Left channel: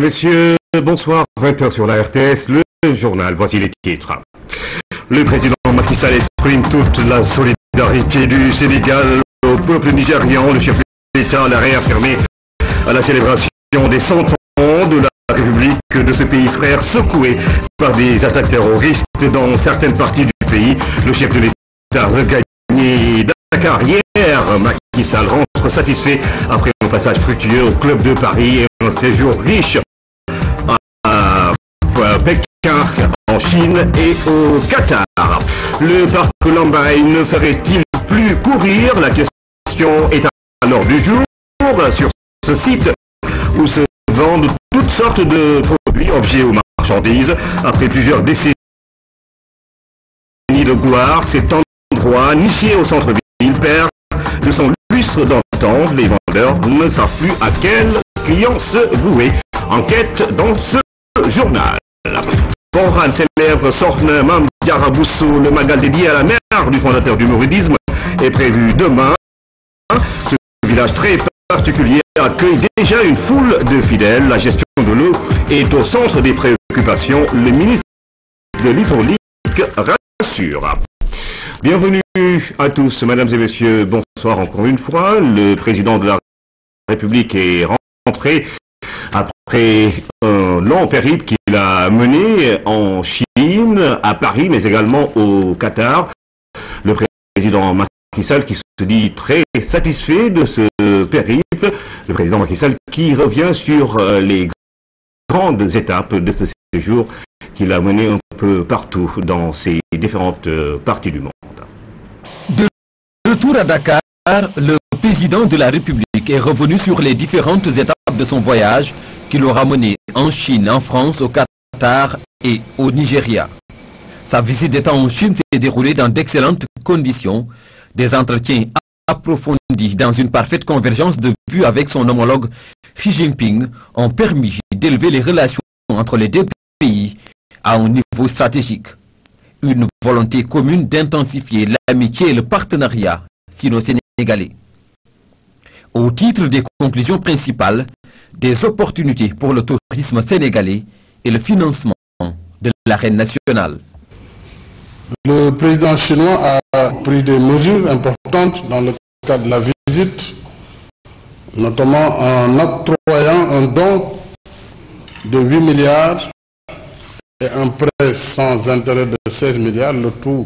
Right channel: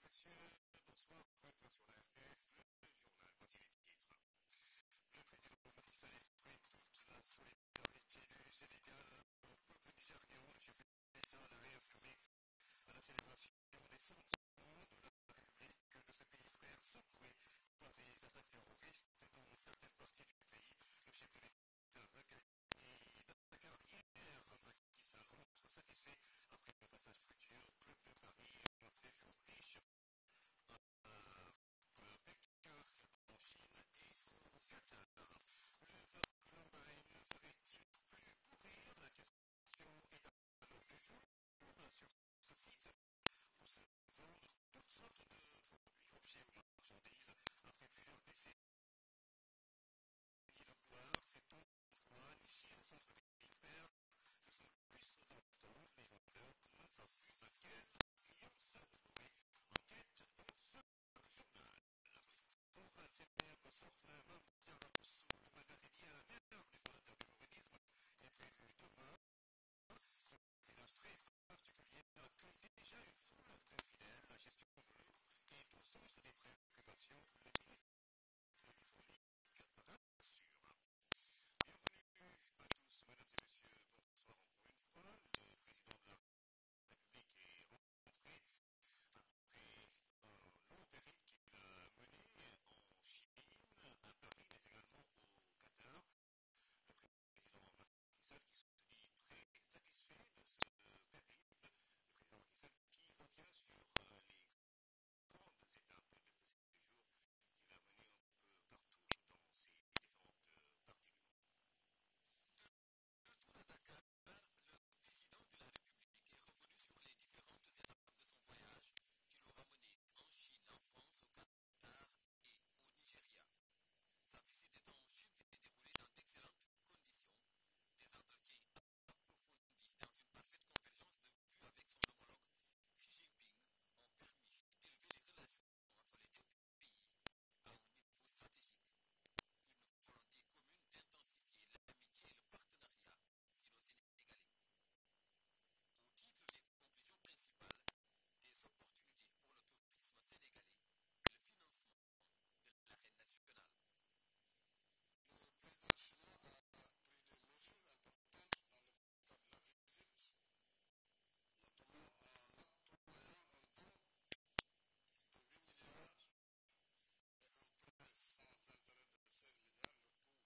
Messieurs, bonsoir. 20h sur la RTS, le journal. Voici les titres. Le président Macky Sall exprime toute la solidarité du Sénégal au peuple nigérian. Le chef de l'État l'a réaffirmé à la célébration des 100 ans de la République de ce pays frère secoué par des attaques terroristes dans certaines parties du pays. Le chef de l'État regagné Dakar hier. Macky Sall rentre satisfait après un passage fructueux au Club de Paris et un séjour riche à Pékin, en Chine et au Qatar. Le parc Lambaye ne ferait-il plus courir? La question est à l'ordre du jour sur ce site où se vendent toutes sortes de produits, objets ou marchandises. Après plusieurs décennies de gloire, cet endroit niché au centre-ville perd de son lustre d'antan. Les vendeurs ne savent plus à quel client se vouer. Enquête dans ce journal. Boran célèbre Sorne Mame Diarra Bousso. Le magal dédié à la mère du fondateur du mouridisme est prévu demain. Ce village très particulier accueille déjà une foule de fidèles. La gestion de l'eau est au centre des préoccupations. Le ministre de l'Hydraulique rassure. Bienvenue à tous, mesdames et messieurs. Bonsoir encore une fois. Le président de la République est rentré après un long périple qu'il a mené en Chine, à Paris, mais également au Qatar. Le président Macky Sall qui se dit très satisfait de ce périple. Le président Macky Sall qui revient sur les grandes étapes de ce séjour qu'il a mené un peu partout dans ces différentes parties du monde. De retour à Dakar, le président de la République est revenu sur les différentes étapes de son voyage qui l'aura mené en Chine, en France, au Qatar et au Nigeria. Sa visite d'État en Chine s'est déroulée dans d'excellentes conditions. Des entretiens approfondis dans une parfaite convergence de vues avec son homologue Xi Jinping ont permis d'élever les relations entre les deux pays à un niveau stratégique. Une volonté commune d'intensifier l'amitié et le partenariat sino-sénégalais. Au titre des conclusions principales, des opportunités pour le tourisme sénégalais et le financement de l'arène nationale. Le président chinois a pris des mesures importantes dans le cadre de la visite, notamment en octroyant un don de 8 milliards et un prêt sans intérêt de 16 milliards, le tout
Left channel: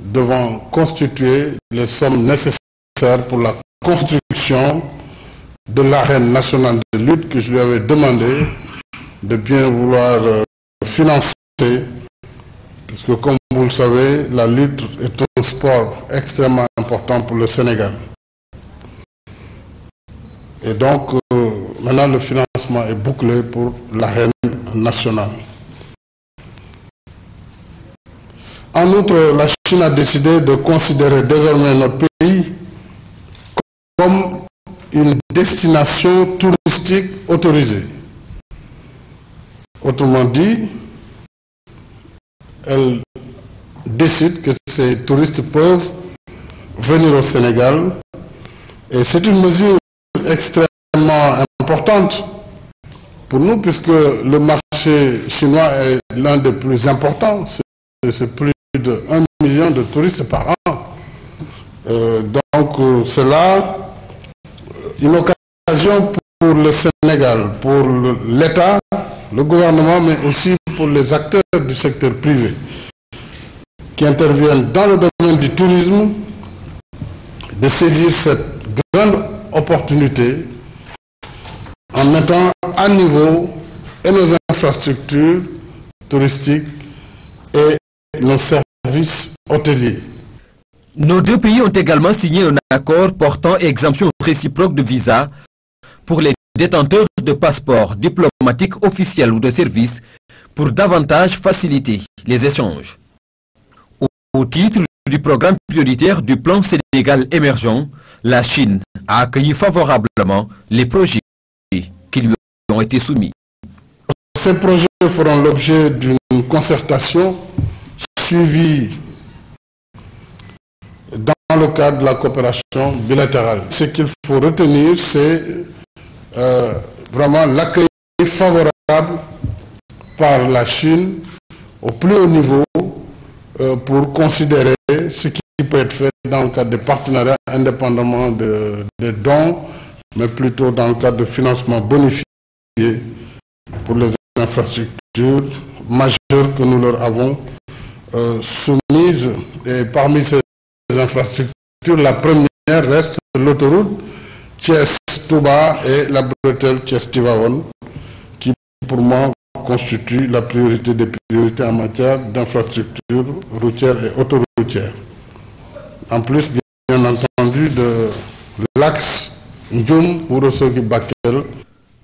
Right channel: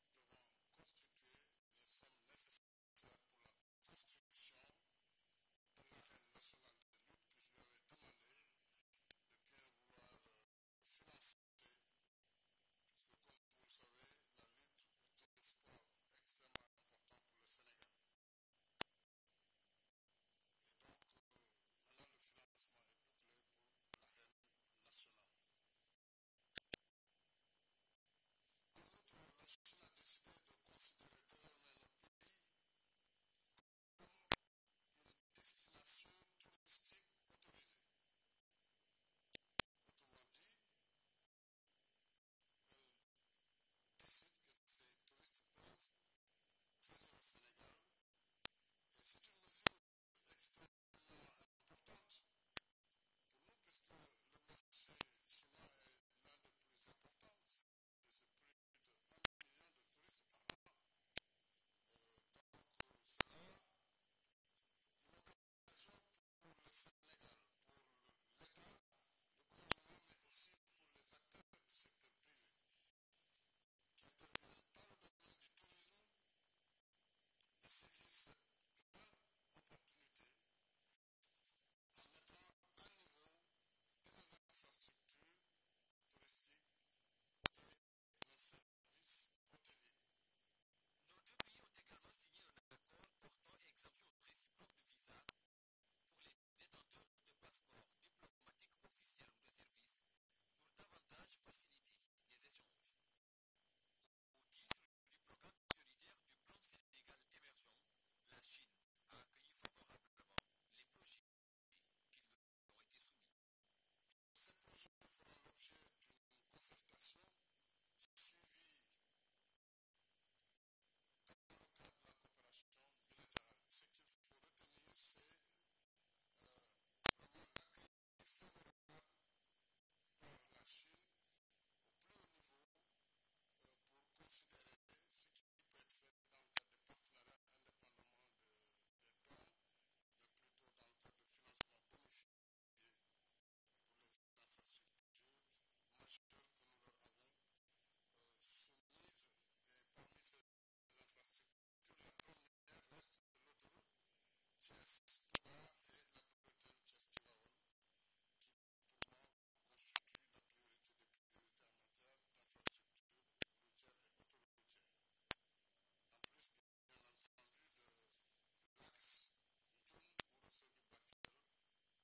devant constituer les sommes nécessaires pour la construction de l'arène nationale de lutte que je lui avais demandé de bien vouloir financer, puisque comme vous le savez, la lutte est un sport extrêmement important pour le Sénégal. Et donc, maintenant le financement est bouclé pour l'arène nationale. En outre, la Chine a décidé de considérer désormais notre pays comme une destination touristique autorisée. Autrement dit, elle décide que ces touristes peuvent venir au Sénégal. Et c'est une mesure extrêmement importante pour nous, puisque le marché chinois est l'un des plus importants. C'est plus de 1 million de touristes par an. Donc cela, une occasion pour le Sénégal, pour l'État, le gouvernement, mais aussi pour les acteurs du secteur privé qui interviennent dans le domaine du tourisme, de saisir cette grande opportunité en mettant à niveau et nos infrastructures touristiques et nos services hôteliers. Nos deux pays ont également signé un accord portant exemption réciproque de visa pour les détenteurs de passeports diplomatiques officiels ou de services pour davantage faciliter les échanges. Au titre du programme prioritaire du plan Sénégal émergent, la Chine a accueilli favorablement les projets qui lui ont été soumis. Ces projets feront l'objet d'une concertation suivie dans le cadre de la coopération bilatérale. Ce qu'il faut retenir, c'est vraiment l'accueil favorable par la Chine au plus haut niveau pour considérer ce qui peut être fait dans le cadre des partenariats indépendamment des dons, mais plutôt dans le cadre de financement bonifié pour les infrastructures majeures que nous leur avons soumises. Et parmi ces infrastructures, la première reste l'autoroute Thiès-Touba et la bretelle Thiès-Tivaouane, qui pour moi constitue la priorité des priorités en matière d'infrastructures routières et autoroutières. En plus, bien entendu, de l'axe Ndioum-Ourossogui-Bakel.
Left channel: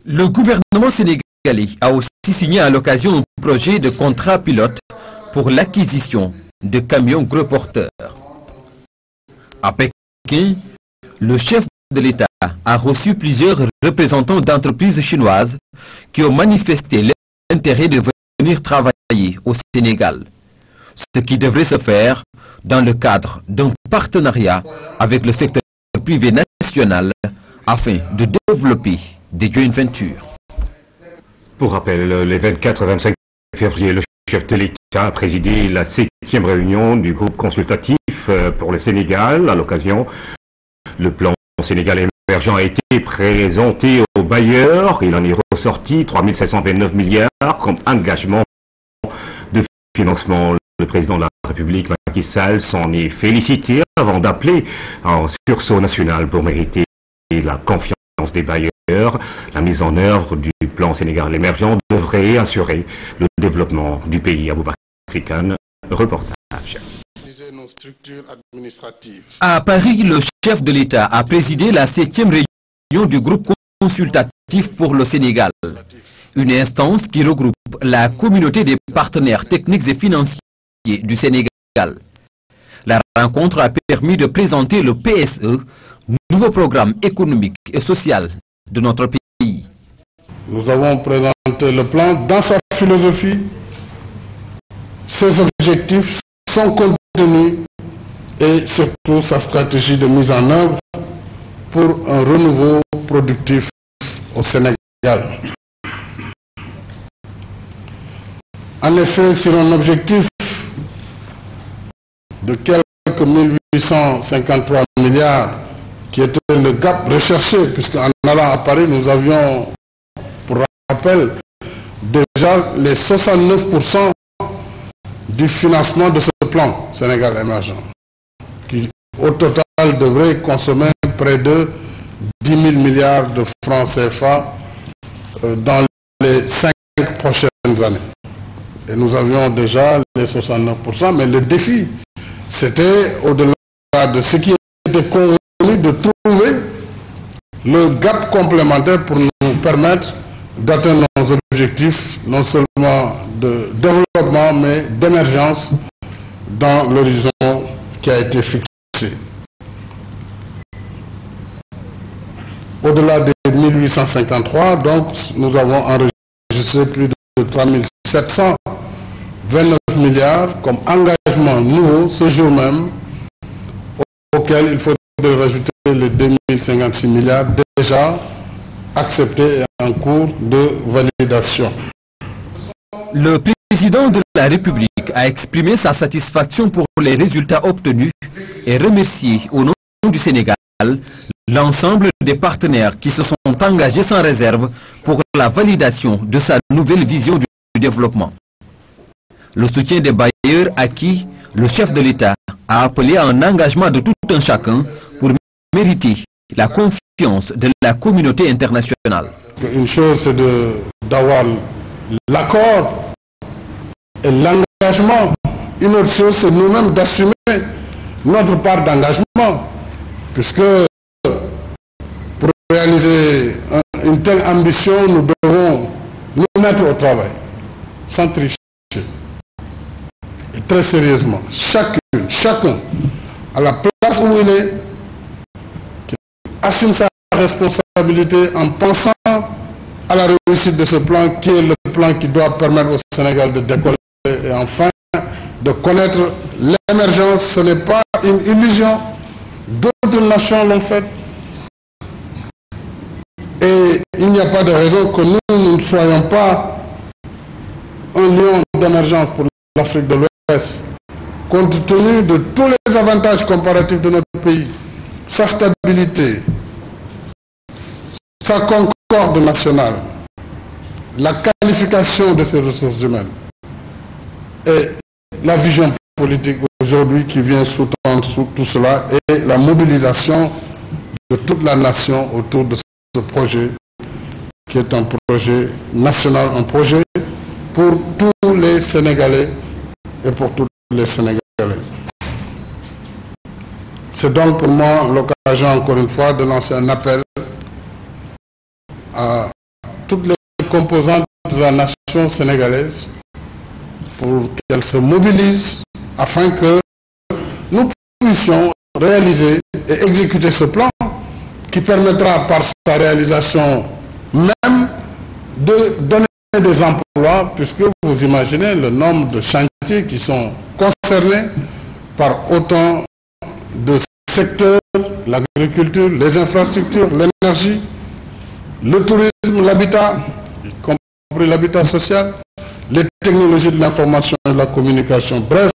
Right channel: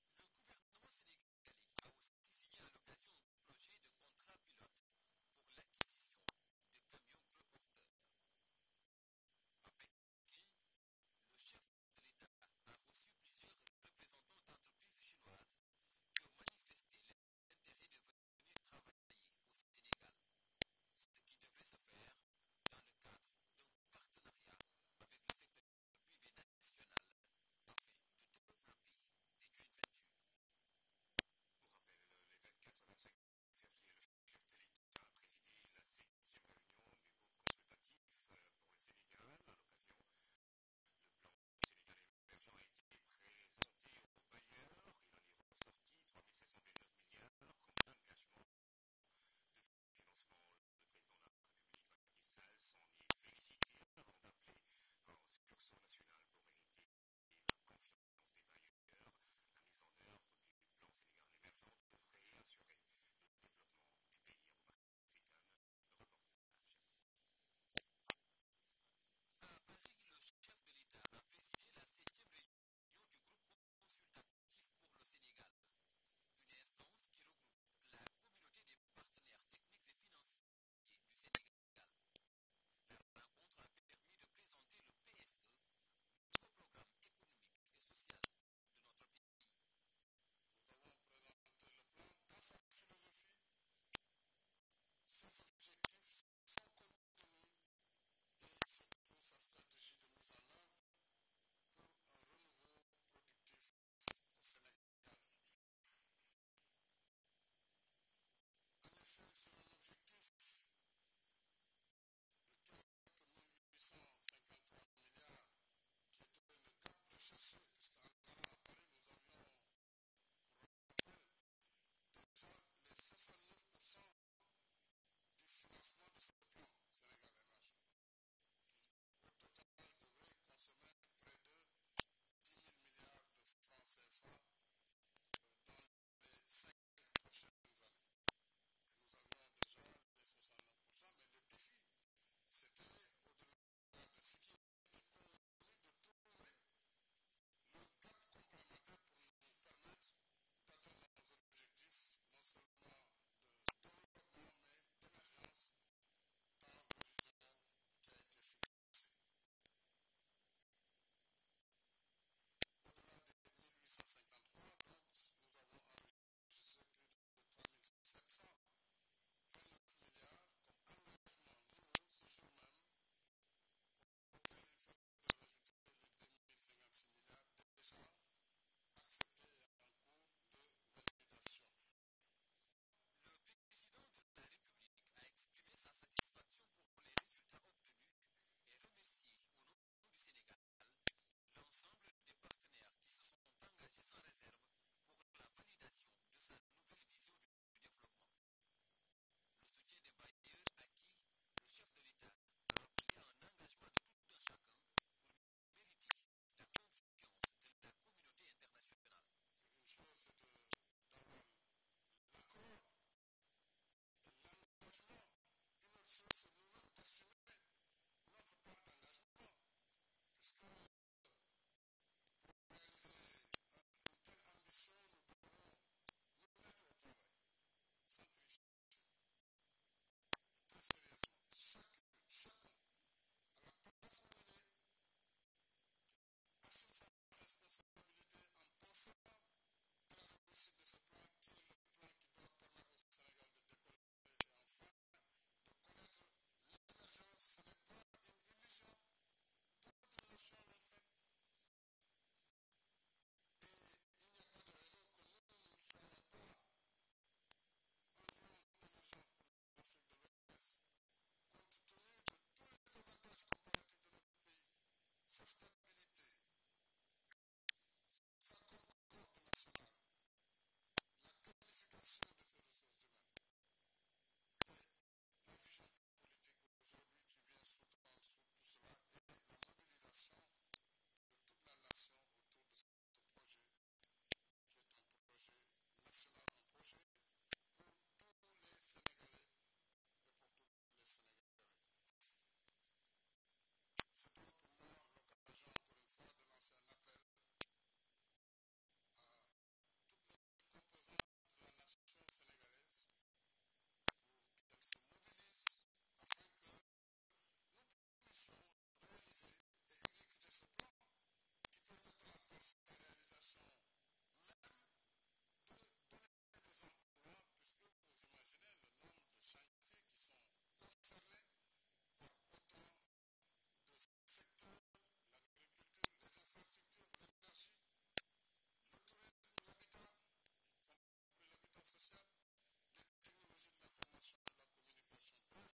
Le gouvernement sénégalais a aussi signé à l'occasion un projet de contrat pilote pour l'acquisition de camions gros porteurs. À Pékin, le chef de l'État a reçu plusieurs représentants d'entreprises chinoises qui ont manifesté l'intérêt de venir travailler au Sénégal, ce qui devrait se faire dans le cadre d'un partenariat avec le secteur privé national afin de développer des joint ventures. Pour rappel, les 24 et 25 février, le chef de l'État a présidé la 7e réunion du groupe consultatif pour le Sénégal. À l'occasion, le plan Sénégal émergent a été présenté aux bailleurs. Il en est ressorti 3 729 milliards comme engagement de financement. Le président de la République, Macky Sall, s'en est félicité avant d'appeler en sursaut national pour mériter la confiance des bailleurs. La mise en œuvre du plan Sénégal émergent devrait assurer le développement du pays. Aboubakar Khan, reportage. À Paris, le chef de l'État a présidé la 7e réunion du groupe consultatif pour le Sénégal, une instance qui regroupe la communauté des partenaires techniques et financiers du Sénégal. La rencontre a permis de présenter le PSE, nouveau programme économique et social de notre pays. Nous avons présenté le plan dans sa philosophie, ses objectifs, son contenu et surtout sa stratégie de mise en œuvre pour un renouveau productif au Sénégal. En effet, sur un objectif de quelques 1853 milliards qui était le gap recherché, puisqu'en allant à Paris, nous avions, pour rappel, déjà les 69% du financement de ce plan Sénégal émergent, qui au total devrait consommer près de 10 000 milliards de francs CFA dans les 5 prochaines années. Et nous avions déjà les 69%, mais le défi, c'était au-delà de ce qui était convenu de trouver le gap complémentaire pour nous permettre d'atteindre nos objectifs, non seulement de développement, mais d'émergence dans l'horizon qui a été fixé. Au-delà des 1853, donc, nous avons enregistré plus de 3729 milliards comme engagement nouveau ce jour même, auquel il faudrait rajouter les 2056 milliards déjà acceptés et en cours de validation. Le président de la République a exprimé sa satisfaction pour les résultats obtenus et remercié au nom du Sénégal l'ensemble des partenaires qui se sont engagés sans réserve pour la validation de sa nouvelle vision du développement. Le soutien des bailleurs à qui le chef de l'État a appelé à un engagement de tout un chacun pour mériter la confiance de la communauté internationale. Une chose, c'est d'avoir l'accord et l'engagement. Une autre chose, c'est nous-mêmes d'assumer notre part d'engagement. Puisque pour réaliser une telle ambition, nous devons nous mettre au travail, sans tricher. Et très sérieusement, chacun, à la place où il est, qui assume sa responsabilité en pensant à la réussite de ce plan, qui est le plan qui doit permettre au Sénégal de décoller et enfin de connaître l'émergence. Ce n'est pas une illusion. D'autres nations l'ont fait. Et il n'y a pas de raison que nous ne soyons pas un lion d'émergence pour l'Afrique de l'Ouest, compte tenu de tous les avantages comparatifs de notre pays, sa stabilité, sa concorde nationale, la qualification de ses ressources humaines et la vision politique aujourd'hui qui vient sous-tendre sous tout cela et la mobilisation de toute la nation autour de ce projet qui est un projet national, un projet pour tous les Sénégalais et pour toutes les Sénégalaises. C'est donc pour moi l'occasion encore une fois de lancer un appel à toutes les composantes de la nation sénégalaise pour qu'elles se mobilisent afin que nous puissions réaliser et exécuter ce plan qui permettra par sa réalisation même de donner des emplois, puisque vous imaginez le nombre de chantiers qui sont concernés par autant de secteurs, l'agriculture, les infrastructures, l'énergie, le tourisme, l'habitat, y compris l'habitat social, les technologies de l'information et de la communication. Bref,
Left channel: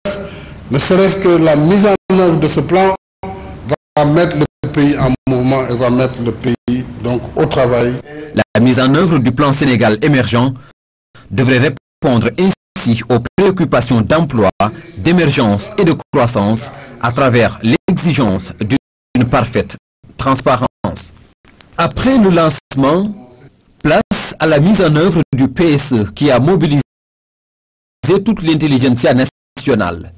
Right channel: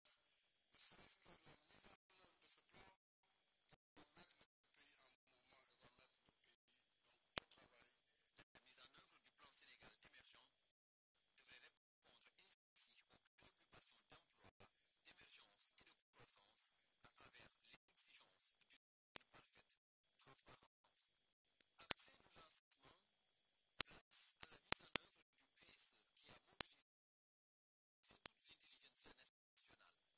ne serait-ce que la mise en œuvre de ce plan va mettre le pays en mouvement et va mettre le pays donc au travail. La mise en œuvre du plan Sénégal émergent devrait répondre ainsi aux préoccupations d'emploi, d'émergence et de croissance à travers l'exigence d'une parfaite transparence. Après le lancement, place à la mise en œuvre du PSE qui a mobilisé toute l'intelligentsia nationale.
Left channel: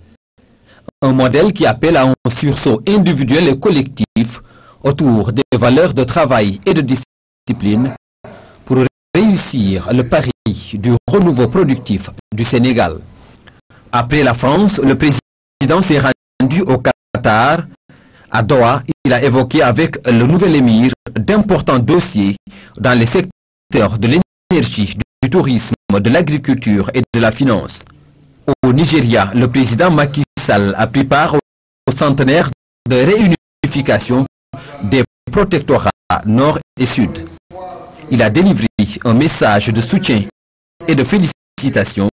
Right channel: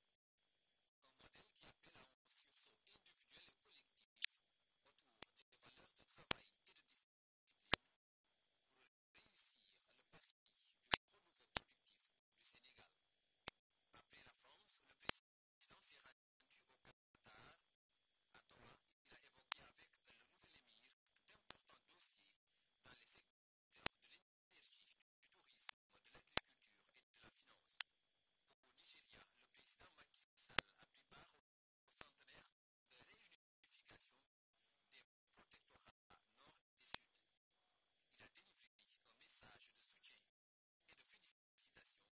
Un modèle qui appelle à un sursaut individuel et collectif autour des valeurs de travail et de discipline pour réussir le pari du renouveau productif du Sénégal. Après la France, le président s'est rendu au Qatar. À Doha, il a évoqué avec le nouvel émir d'importants dossiers dans les secteurs de l'énergie, du tourisme, de l'agriculture et de la finance. Au Nigeria, le président Macky Sall a pris part au centenaire de réunification des protectorats nord et sud. Il a délivré un message de soutien et de félicitations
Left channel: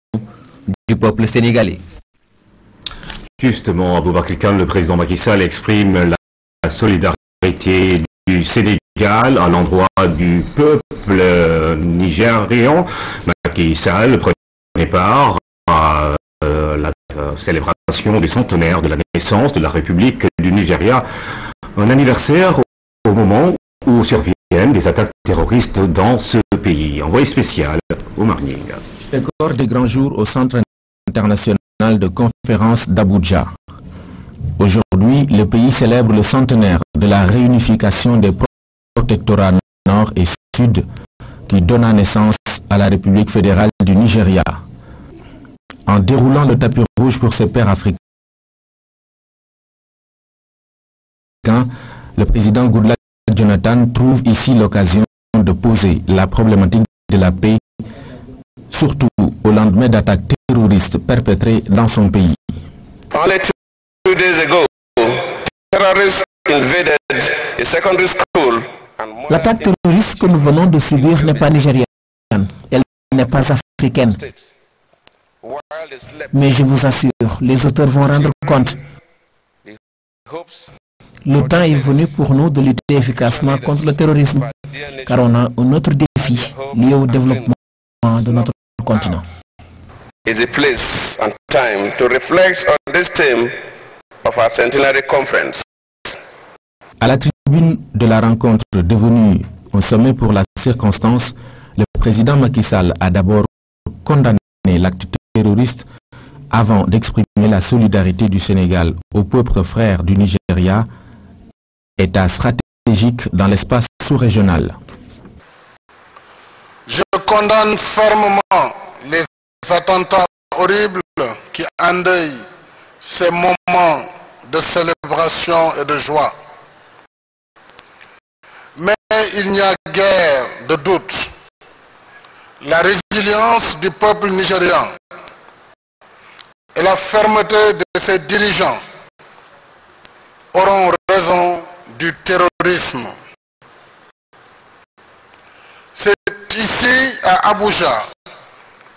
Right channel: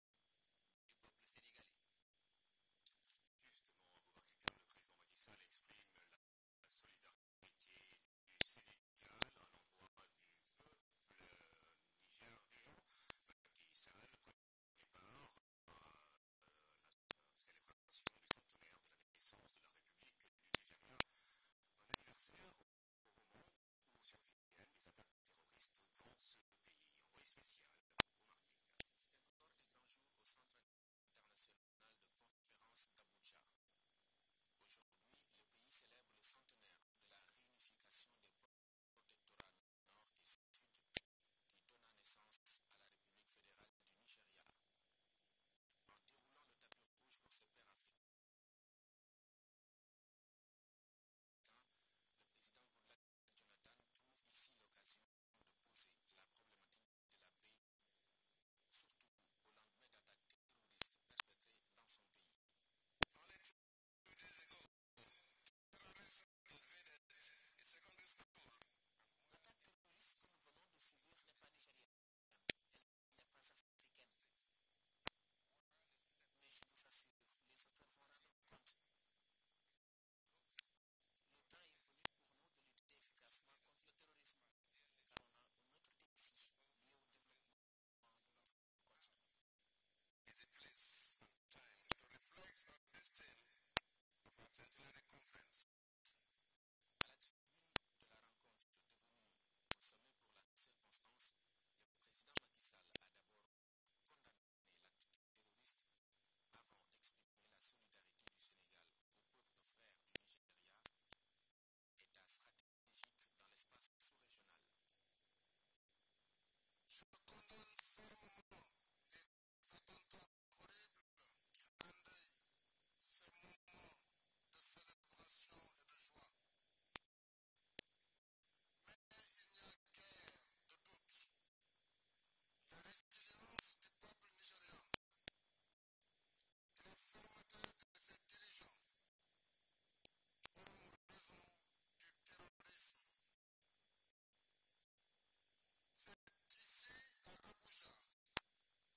du peuple sénégalais. Justement, Aboubacar Kane, le président Macky Sall exprime la solidarité du Sénégal à l'endroit du peuple nigérian. Macky Sall prenait part à la célébration du centenaire de la naissance de la République du Nigeria, un anniversaire au moment où surviennent des attaques terroristes dans ce pays. Envoyé spécial au Marning. Décor des grands jours au Centre international de conférence d'Abuja. Aujourd'hui, le pays célèbre le centenaire de la réunification des protectorats nord et sud qui donna naissance à la République fédérale du Nigeria. En déroulant le tapis rouge pour ses pairs africains, le président Goodluck Jonathan trouve ici l'occasion de poser la problématique de la paix, surtout au lendemain d'attaques terroristes perpétrées dans son pays. Only 2 days ago, terrorists invaded a secondary school. L'attaque terroriste que nous venons de subir n'est pas nigérienne, elle n'est pas africaine. Mais je vous assure, les auteurs vont rendre compte. Le temps est venu pour nous de lutter efficacement contre le terrorisme, car on a un autre défi lié au développement de notre continent. Is a place and time to reflect on this theme of our centenary conference. À la tribune de la rencontre devenue un sommet pour la circonstance, le président Macky Sall a d'abord condamné l'acte terroriste avant d'exprimer la solidarité du Sénégal au peuple frère du Nigeria, État stratégique dans l'espace sous-régional. Je condamne fermement les attentats horribles qui endeuillent ces moments de célébration et de joie. Mais il n'y a guère de doute. La résilience du peuple nigérian et la fermeté de ses dirigeants auront raison du terrorisme. C'est ici à Abuja,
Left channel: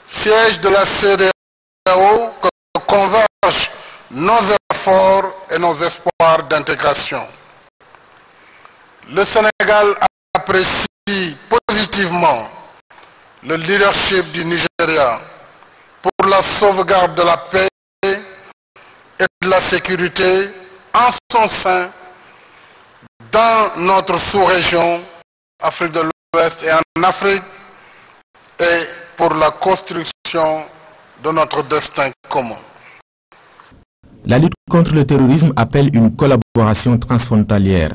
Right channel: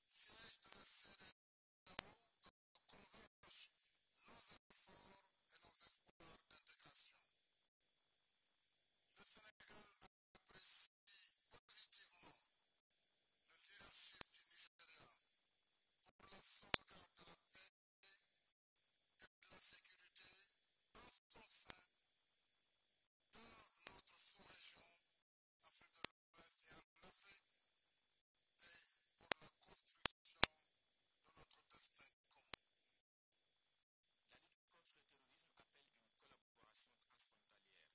siège de la CEDEAO, que convergent nos efforts et nos espoirs d'intégration. Le Sénégal apprécie positivement le leadership du Nigeria pour la sauvegarde de la paix et de la sécurité en son sein dans notre sous-région, Afrique de l'Ouest et en Afrique, et pour la construction de notre destin commun. La lutte contre le terrorisme appelle une collaboration transfrontalière.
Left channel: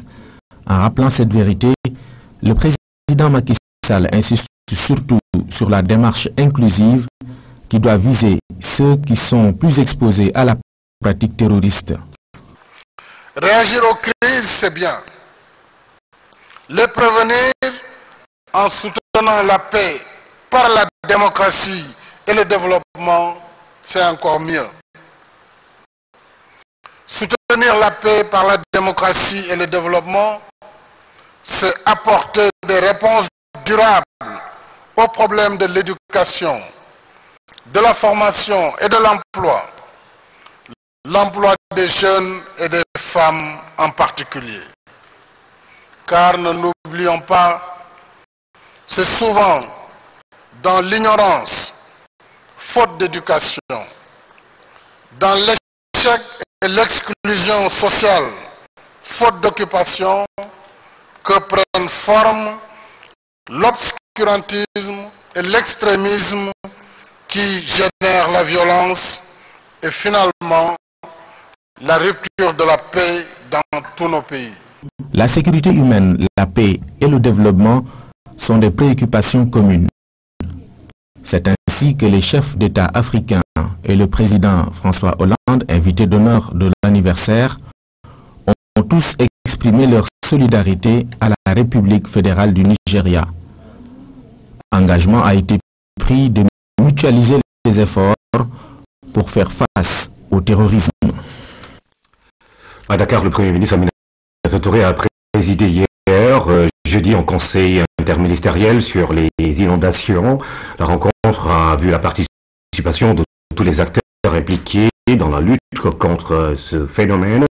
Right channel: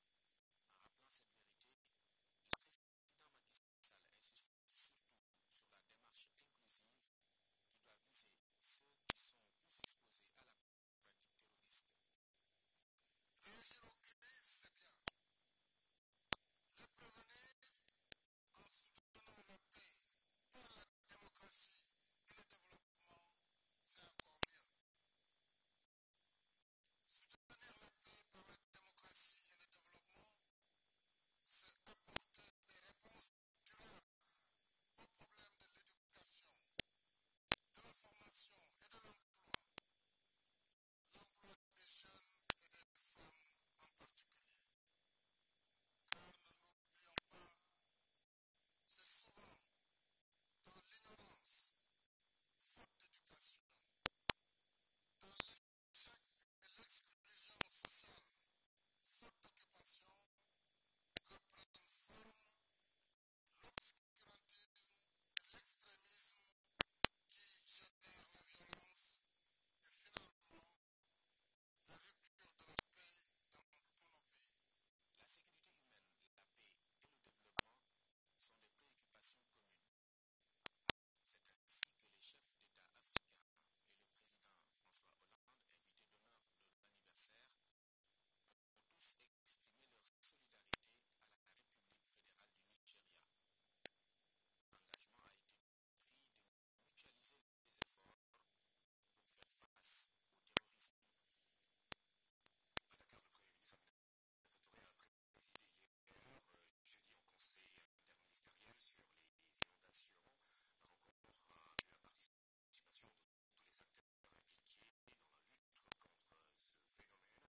En rappelant cette vérité, le président Macky Sall insiste surtout sur la démarche inclusive qui doit viser ceux qui sont plus exposés à la pratique terroriste. Réagir aux crises, c'est bien. Les prévenir en soutenant la paix par la démocratie et le développement, c'est encore mieux. Soutenir la paix par la démocratie et le développement, c'est apporter des réponses durables aux problèmes de l'éducation, de la formation et de l'emploi. L'emploi des jeunes et des femmes en particulier. Car ne l'oublions pas, c'est souvent dans l'ignorance, faute d'éducation, dans l'échec et l'exclusion sociale, faute d'occupation, que prennent forme l'obscurantisme et l'extrémisme qui génèrent la violence et finalement la rupture de la paix dans tous nos pays. La sécurité humaine, la paix et le développement sont des préoccupations communes. C'est ainsi que les chefs d'État africains et le président François Hollande, invité d'honneur de l'anniversaire, ont tous exprimé leur solidarité à la République fédérale du Nigeria. Engagement a été pris de mutualiser les efforts pour faire face au terrorisme. À Dakar, le Premier ministre Aminata Touré a présidé hier, jeudi, en conseil interministériel sur les inondations. La rencontre a vu la participation de tous les acteurs impliqués dans la lutte contre ce phénomène.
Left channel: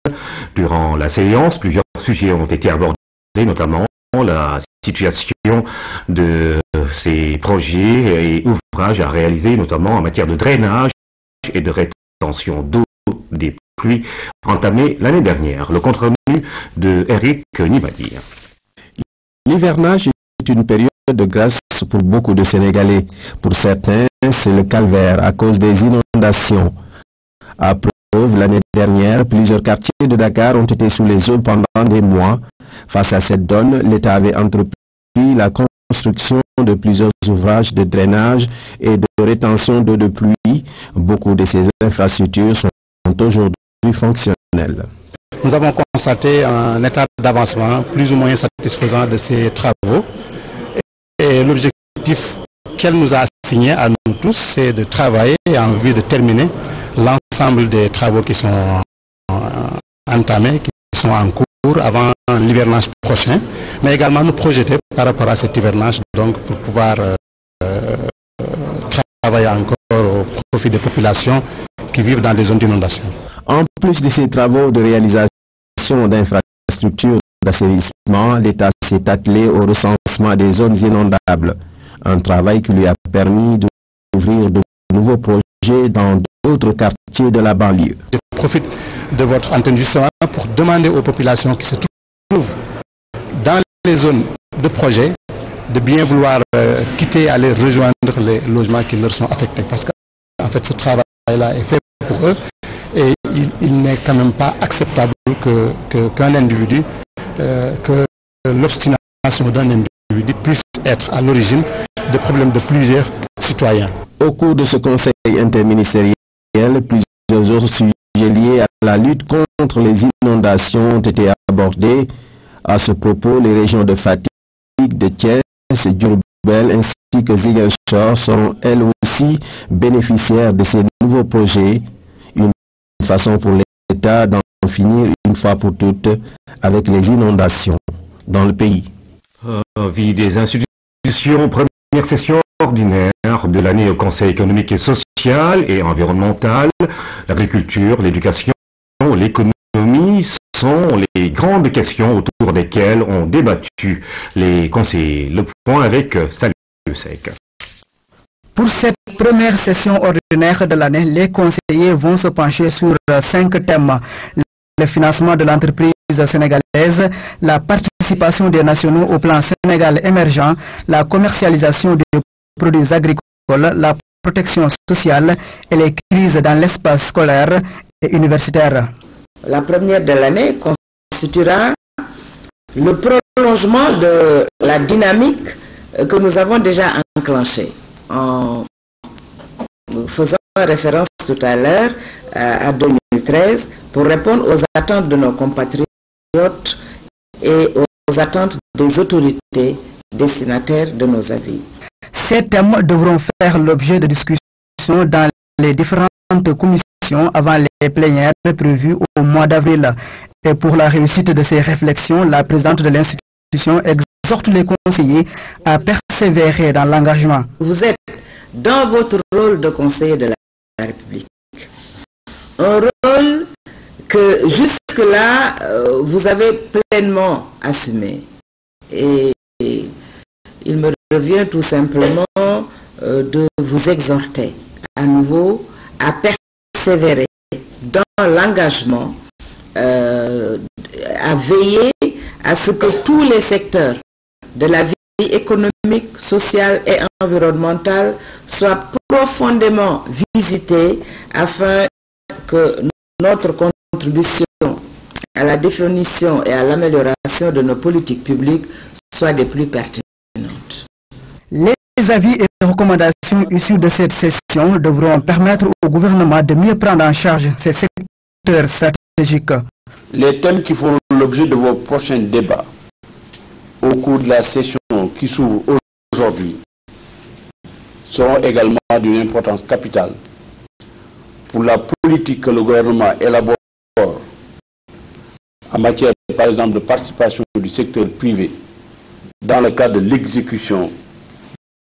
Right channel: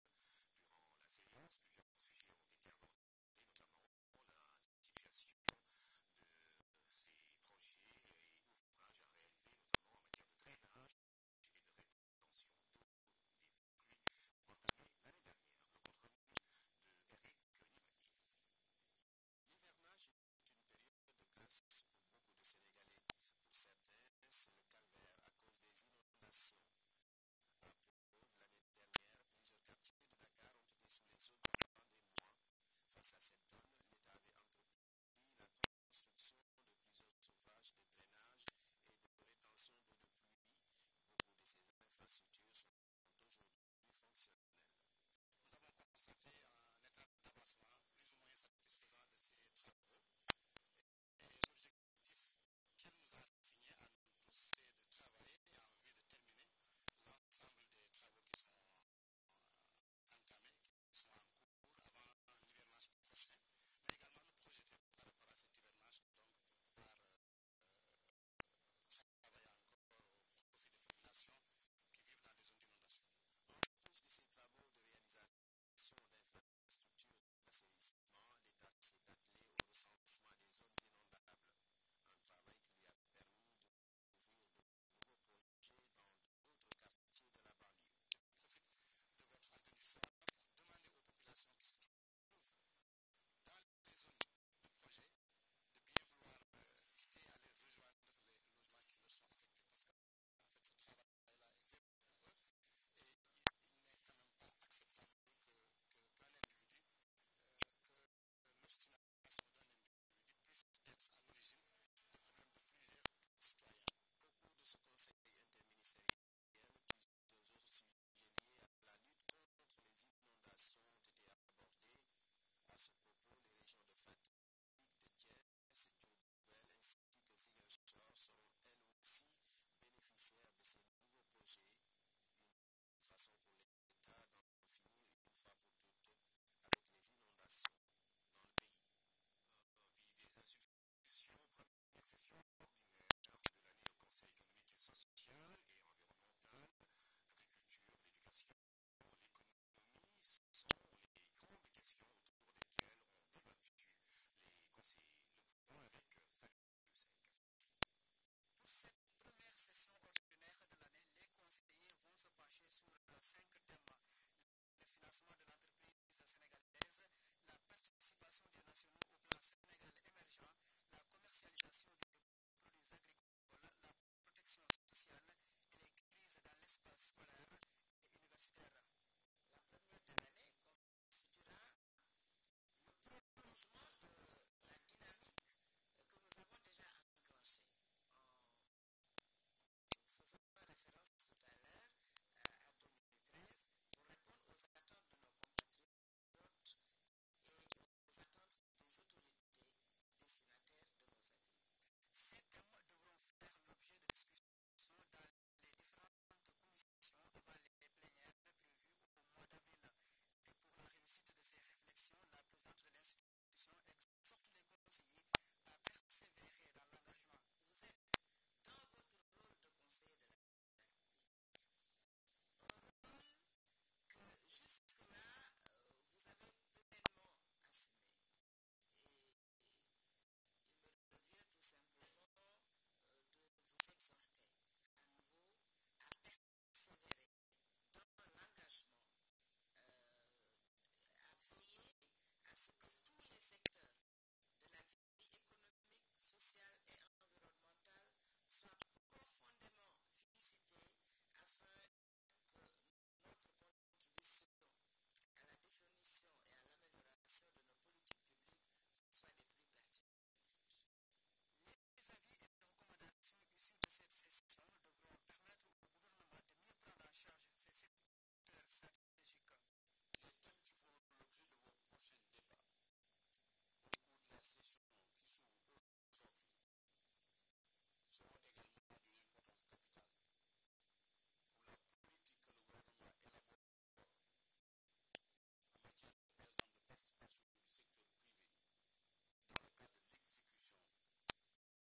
Durant la séance, plusieurs sujets ont été abordés, notamment la situation de ces projets et ouvrages à réaliser, notamment en matière de drainage et de rétention d'eau des pluies entamées l'année dernière. Le compte-rendu de Eric Nibadi. L'hivernage est une période de grâce pour beaucoup de Sénégalais. Pour certains, c'est le calvaire à cause des inondations. À preuve, l'année dernière, plusieurs quartiers de Dakar ont été sous les eaux pendant des mois. Face à cette donne, l'État avait entrepris la construction de plusieurs ouvrages de drainage et de rétention d'eau de pluie. Beaucoup de ces infrastructures sont aujourd'hui fonctionnelles. Nous avons constaté un état d'avancement plus ou moins satisfaisant de ces travaux. Et l'objectif qu'elle nous a assigné à nous tous, c'est de travailler en vue de terminer l'ensemble des travaux qui sont entamés, qui sont en cours avant l'hivernage prochain, mais également nous projeter par rapport à cet hivernage, donc pour pouvoir travailler encore au profit des populations qui vivent dans des zones d'inondation. En plus de ces travaux de réalisation d'infrastructures d'assainissement, l'État s'est attelé au recensement des zones inondables, un travail qui lui a permis d'ouvrir de nouveaux projets dans d'autres quartiers de la banlieue. Je profite de votre antenne justement pour demander aux populations qui se trouvent dans les zones de projet de bien vouloir quitter, aller rejoindre les logements qui leur sont affectés. Parce qu'en fait, ce travail-là est fait pour eux et il n'est quand même pas acceptable qu'un individu, que l'obstination d'un individu puisse être à l'origine de problèmes de plusieurs citoyens. Au cours de ce conseil interministériel, plusieurs autres sujets liés à la lutte contre les inondations ont été abordés. À ce propos, les régions de Fatick, de Thiès, Diourbel ainsi que Ziguinchor seront elles aussi bénéficiaires de ces nouveaux projets. Une façon pour l'État d'en finir une fois pour toutes avec les inondations dans le pays. Vie des institutions. première session ordinaire de l'année au Conseil économique et social et environnemental. L'agriculture, l'éducation, l'économie sont les grandes questions autour desquelles ont débattu les conseillers. Le point avec Salut Sec. Pour cette première session ordinaire de l'année, les conseillers vont se pencher sur 5 thèmes. Le financement de l'entreprise sénégalaise, la participation des nationaux au plan Sénégal émergent, la commercialisation des produits agricoles, la protection sociale et les crises dans l'espace scolaire et universitaire. La première de l'année constituera le prolongement de la dynamique que nous avons déjà enclenchée. En faisant référence tout à l'heure à 2013 pour répondre aux attentes de nos compatriotes et aux attentes des autorités destinataires de nos avis. Ces thèmes devront faire l'objet de discussions dans les différentes commissions avant les plénières prévues au mois d'avril. Et pour la réussite de ces réflexions, la présidente de l'institution exhorte les conseillers à persévérer dans l'engagement. Vous êtes dans votre rôle de conseiller de la République. Un rôle que jusque-là, vous avez pleinement assumé. Et il me revient tout simplement de vous exhorter à nouveau à persévérer dans l'engagement, à veiller à ce que tous les secteurs de la vie économique, sociale et environnementale soient profondément visités afin que notre contribution à la définition et à l'amélioration de nos politiques publiques soit des plus pertinentes. Les avis et recommandations issues de cette session devront permettre au gouvernement de mieux prendre en charge ces secteurs stratégiques. Les thèmes qui feront l'objet de vos prochains débats au cours de la session qui s'ouvre aujourd'hui seront également d'une importance capitale pour la politique que le gouvernement élabore en matière, par exemple, de participation du secteur privé dans le cadre de l'exécution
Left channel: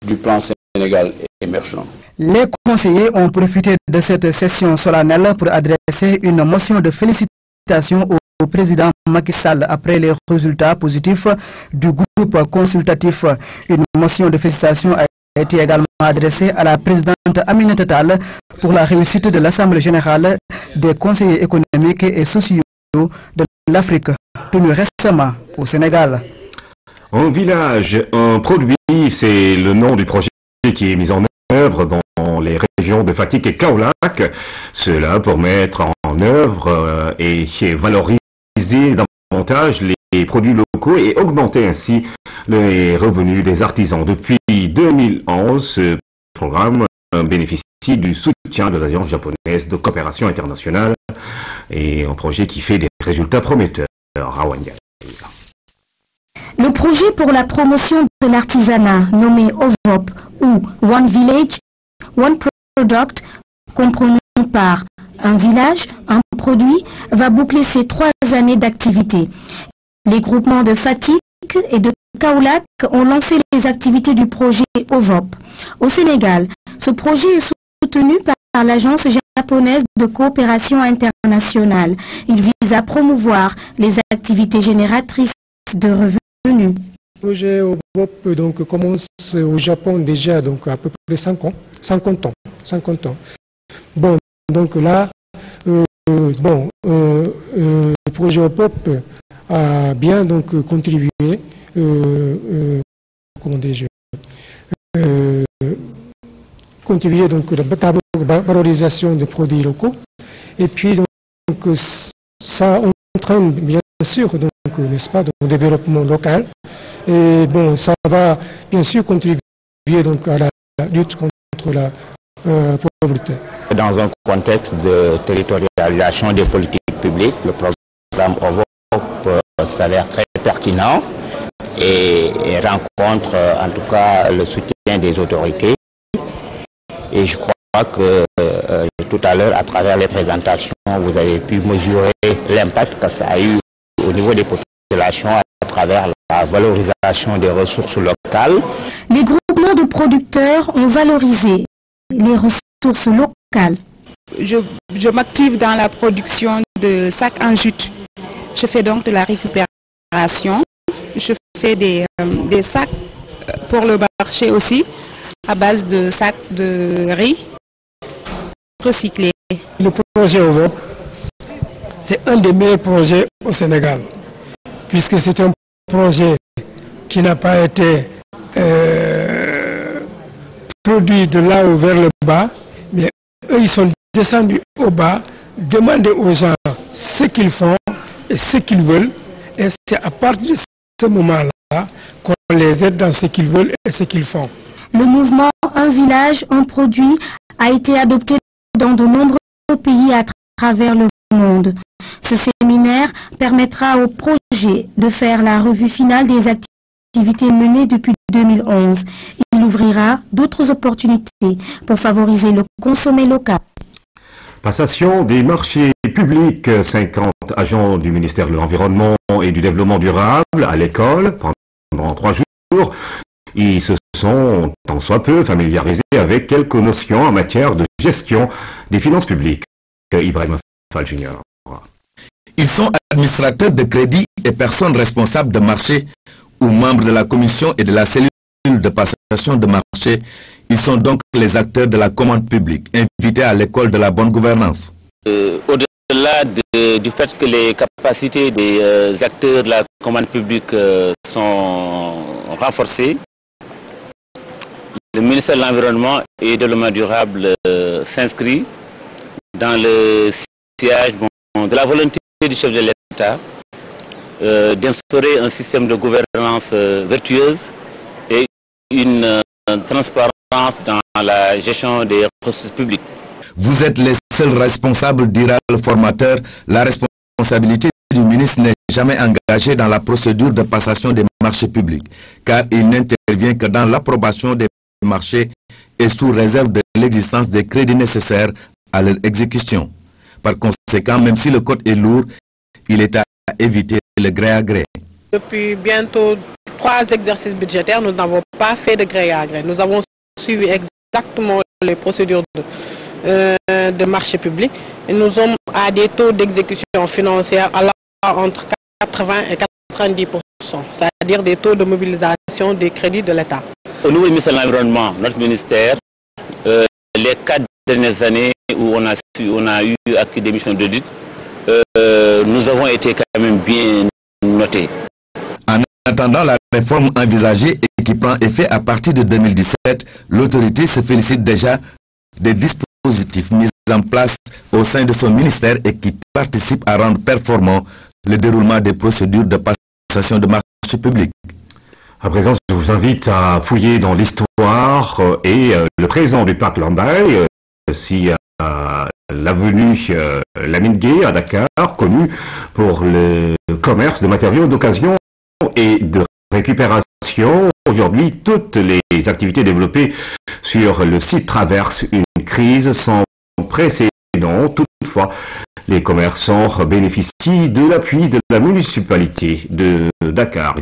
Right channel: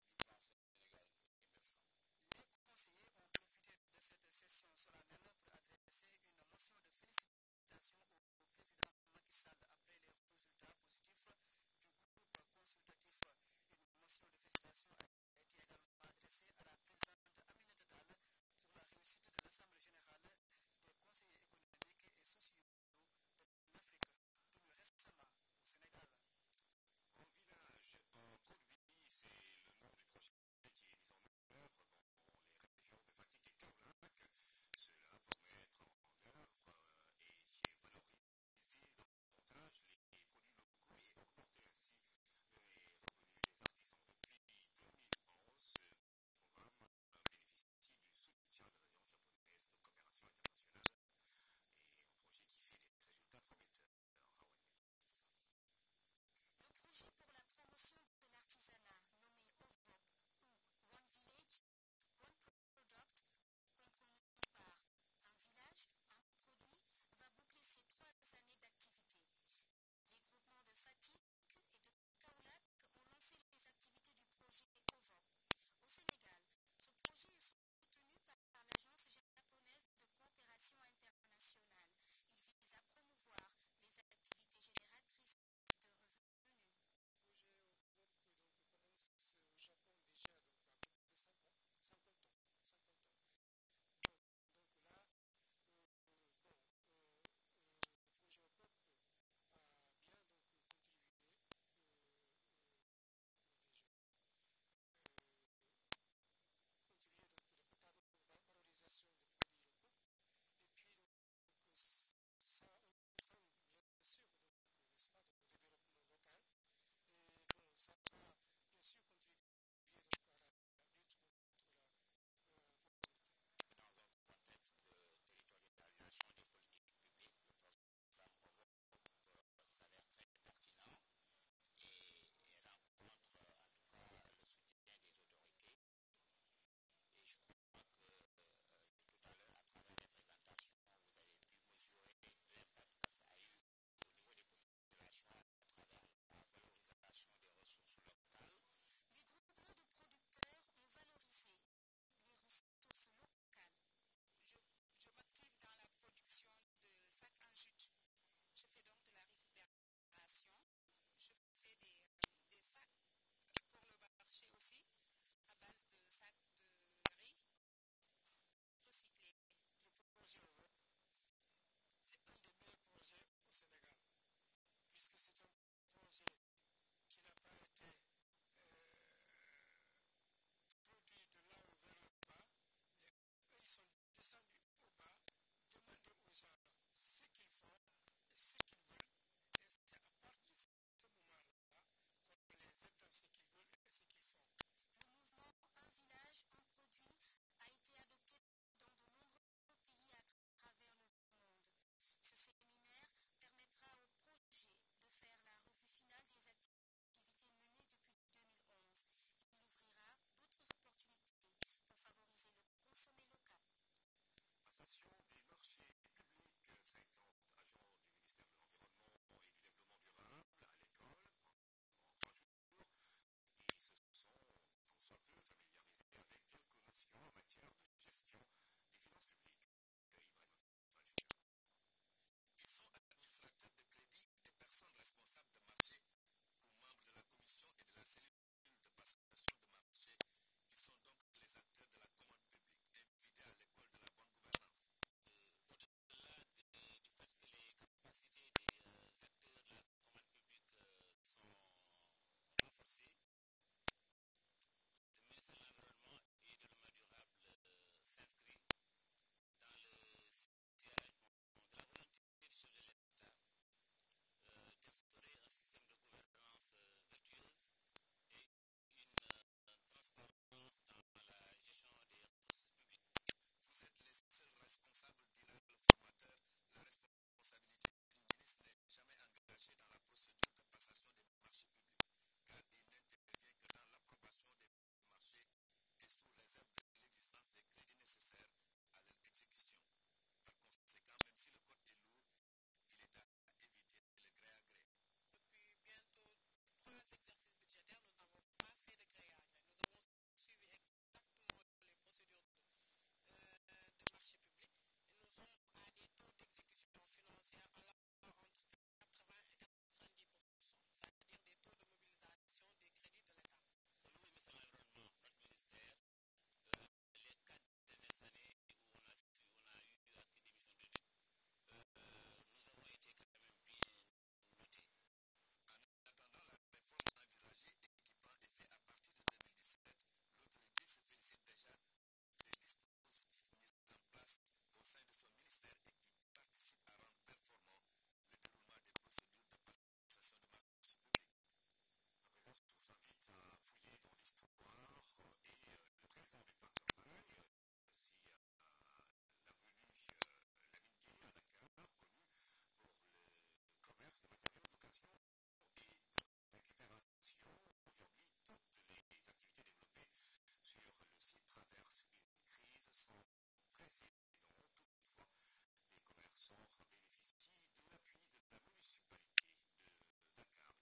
du plan Sénégal émergent. Les conseillers ont profité de cette session solennelle pour adresser une motion de félicitations au président Macky Sall après les résultats positifs du groupe consultatif. Une motion de félicitations a été également adressée à la présidente Aminata Tall pour la réussite de l'Assemblée générale des conseillers économiques et sociaux de l'Afrique, tenue récemment au Sénégal. Un village, un produit, c'est le nom du projet qui est mis en œuvre dans les régions de Fatick et Kaolack. Cela pour mettre en œuvre et valoriser davantage les produits locaux et augmenter ainsi les revenus des artisans. Depuis 2011, ce programme bénéficie du soutien de l'Agence japonaise de coopération internationale et un projet qui fait des résultats prometteurs. Le projet pour la promotion de l'artisanat nommé OVOP ou One Village, One Product, comprenant par un village, un produit, va boucler ses 3 années d'activité. Les groupements de Fatick et de Kaolack ont lancé les activités du projet OVOP. Au Sénégal, ce projet est soutenu par l'Agence japonaise de coopération internationale. Il vise à promouvoir les activités génératrices de revenus. Le projet OVOP donc, commence au Japon déjà donc, à peu près 50 ans. Bon, donc là, le projet OVOP a bien donc, contribué contribuer donc à la valorisation des produits locaux et puis donc ça entraîne bien sûr donc n'est-ce pas au développement local et bon ça va bien sûr contribuer donc à la lutte contre la pauvreté. Dans un contexte de territorialisation des politiques publiques, le programme OVOP s'avère très pertinent et rencontre en tout cas le soutien des autorités. Et je crois que tout à l'heure, à travers les présentations, vous avez pu mesurer l'impact que ça a eu au niveau des populations à travers la valorisation des ressources locales. Les groupements de nos producteurs ont valorisé les ressources locales. Je m'active dans la production de sacs en jute. Je fais donc de la récupération. Je fais des sacs pour le marché aussi, à base de sacs de riz recyclés. Le projet OVOP, c'est un des meilleurs projets au Sénégal, puisque c'est un projet qui n'a pas été produit de là haut vers le bas, mais eux, ils sont descendus au bas, demander aux gens ce qu'ils font et ce qu'ils veulent, et c'est à partir de ce moment-là qu'on les aide dans ce qu'ils veulent et ce qu'ils font. Le mouvement Un village, un produit a été adopté dans de nombreux pays à travers le monde. Ce séminaire permettra au projet de faire la revue finale des activités menées depuis 2011. Il ouvrira d'autres opportunités pour favoriser le consommé local. Passation des marchés publics. 50 agents du ministère de l'Environnement et du Développement durable à l'école pendant 3 jours. Ils se sont, tant soit peu, familiarisés avec quelques notions en matière de gestion des finances publiques. Ibrahim Fall Junior. Ils sont administrateurs de crédit et personnes responsables de marché ou membres de la commission et de la cellule de passation de marché. Ils sont donc les acteurs de la commande publique, invités à l'école de la bonne gouvernance. Au-delà du fait que les capacités des acteurs de la commande publique sont renforcées, le ministère de l'Environnement et du Développement durable s'inscrit dans le sillage de la volonté du chef de l'État d'instaurer un système de gouvernance vertueuse et une transparence dans la gestion des ressources publiques. Vous êtes les seuls responsables, dira le formateur. La responsabilité du ministre n'est jamais engagée dans la procédure de passation des marchés publics, car il n'intervient que dans l'approbation des marchés et sous réserve de l'existence des crédits nécessaires à leur exécution. Par conséquent, même si le code est lourd, il est à éviter le gré à gré. Depuis bientôt 3 exercices budgétaires, nous n'avons pas fait de gré à gré. Nous avons suivi exactement les procédures de marché public et nous sommes à des taux d'exécution financière allant entre 80 et 90%, c'est-à-dire des taux de mobilisation des crédits de l'État. Au niveau du ministère de l'Environnement, notre ministère, les 4 dernières années où on a eu acquis des missions d'audit, nous avons été quand même bien notés. En attendant la réforme envisagée et qui prend effet à partir de 2017, l'autorité se félicite déjà des dispositifs mis en place au sein de son ministère et qui participent à rendre performant le déroulement des procédures de passation de marché public. À présent, je vous invite à fouiller dans l'histoire et le présent du parc Lambaye, si l'avenue Lamine Gueye à Dakar, connue pour le commerce de matériaux d'occasion et de récupération. Aujourd'hui, toutes les activités développées sur le site traversent une crise sans précédent. Toutefois, les commerçants bénéficient de l'appui de la municipalité de Dakar.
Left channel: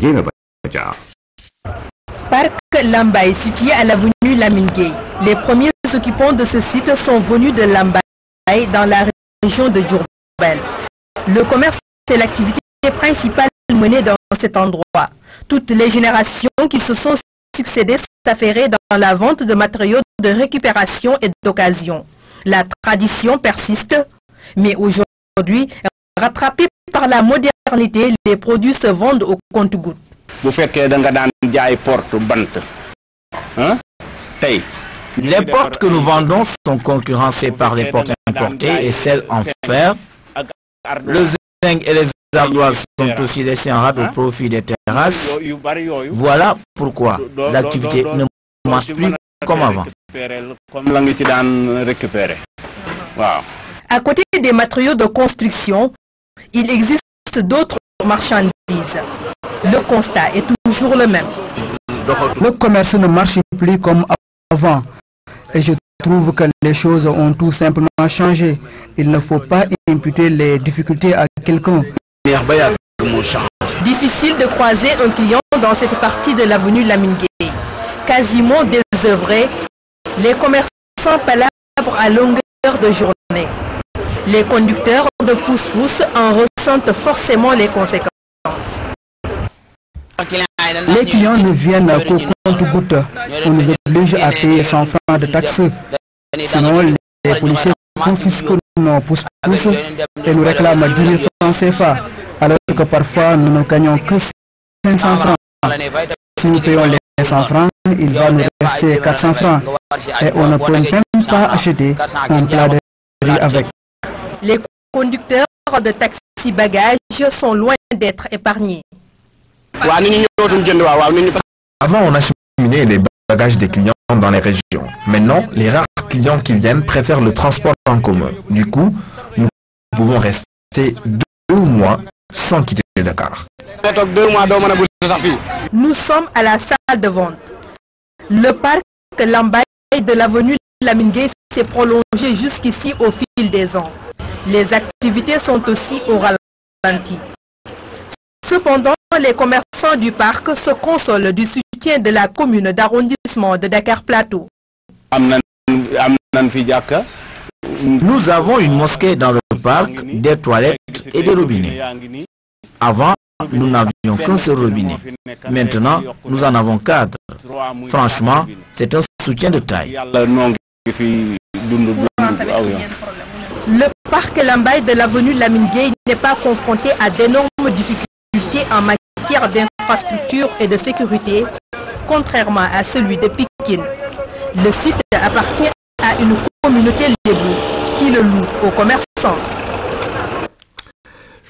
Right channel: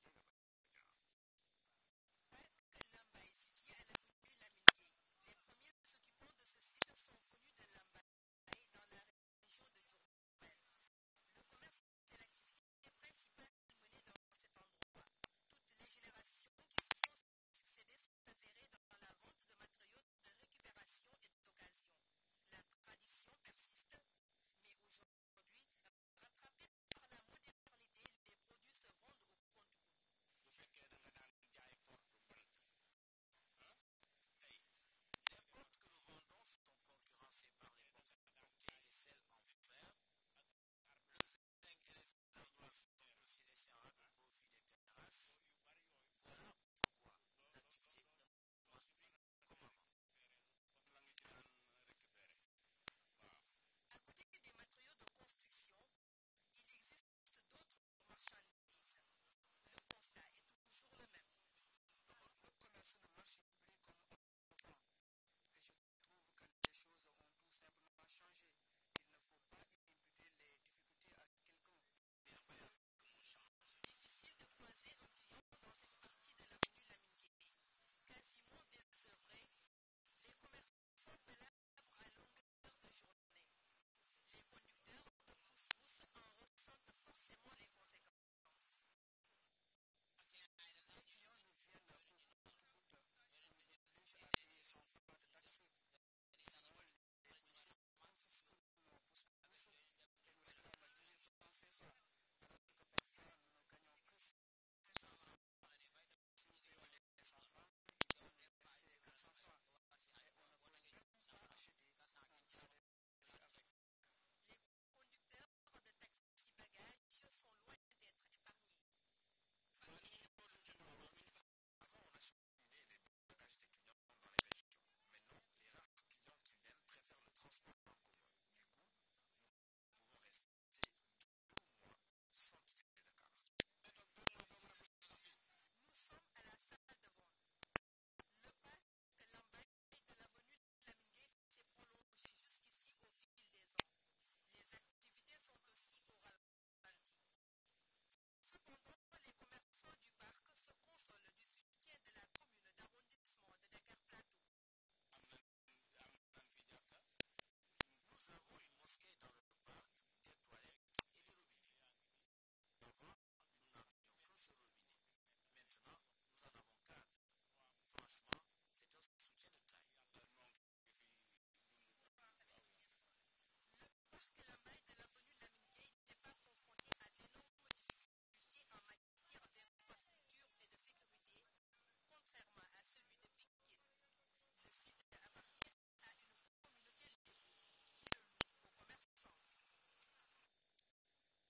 Parc Lambaye, situé à l'avenue Lamine Gueye. Les premiers occupants de ce site sont venus de Lambaye, dans la région de Diourbel. Le commerce est l'activité principale menée dans cet endroit. Toutes les générations qui se sont succédées s'affairaient dans la vente de matériaux de récupération et d'occasion. La tradition persiste, mais aujourd'hui, rattrapée par la modernité, les produits se vendent au compte-gouttes. Les portes que nous vendons sont concurrencées par les portes importées et celles en fer. Le zinc et les ardoises sont aussi laissés en rade au profit des terrasses. Voilà pourquoi l'activité ne marche plus comme avant. À côté des matériaux de construction, il existe d'autres marchandises. Le constat est toujours le même. Le commerce ne marche plus comme avant. Et je trouve que les choses ont tout simplement changé. Il ne faut pas imputer les difficultés à quelqu'un. Difficile de croiser un client dans cette partie de l'avenue Lamine Gueye. Quasiment des œuvrés, les commerçants palabrent à longueur de journée. Les conducteurs de pousse-pousse en ressentent forcément les conséquences. Les clients ne viennent qu'au compte-gouttes. On nous oblige à payer 100 francs de taxes. Sinon, les policiers confisquent nos pousse-pousse et nous réclament 10 000 francs CFA, alors que parfois nous ne gagnons que 500 francs. Si nous payons les 100 francs, il va nous rester 400 francs et on ne peut même pas acheter un plat de riz avec. Les conducteurs de taxi bagages sont loin d'être épargnés. Avant, on acheminait les bagages des clients dans les régions. Maintenant, les rares clients qui viennent préfèrent le transport en commun. Du coup, nous pouvons rester 2 mois sans quitter Dakar. Nous sommes à la salle de vente. Le parc Lambaye de l'avenue Lamine Gueye s'est prolongé jusqu'ici au fil des ans. Les activités sont aussi au ralenti. Cependant, les commerçants du parc se consolent du soutien de la commune d'arrondissement de Dakar Plateau. Nous avons une mosquée dans le parc, des toilettes et des robinets. Avant, nous n'avions qu'un seul robinet. Maintenant, nous en avons 4. Franchement, c'est un soutien de taille. Le parc Lambaye de l'avenue Lamine Gueye n'est pas confronté à d'énormes difficultés en matière d'infrastructure et de sécurité, contrairement à celui de Pikine. Le site appartient à une communauté lébou qui le loue aux commerçants.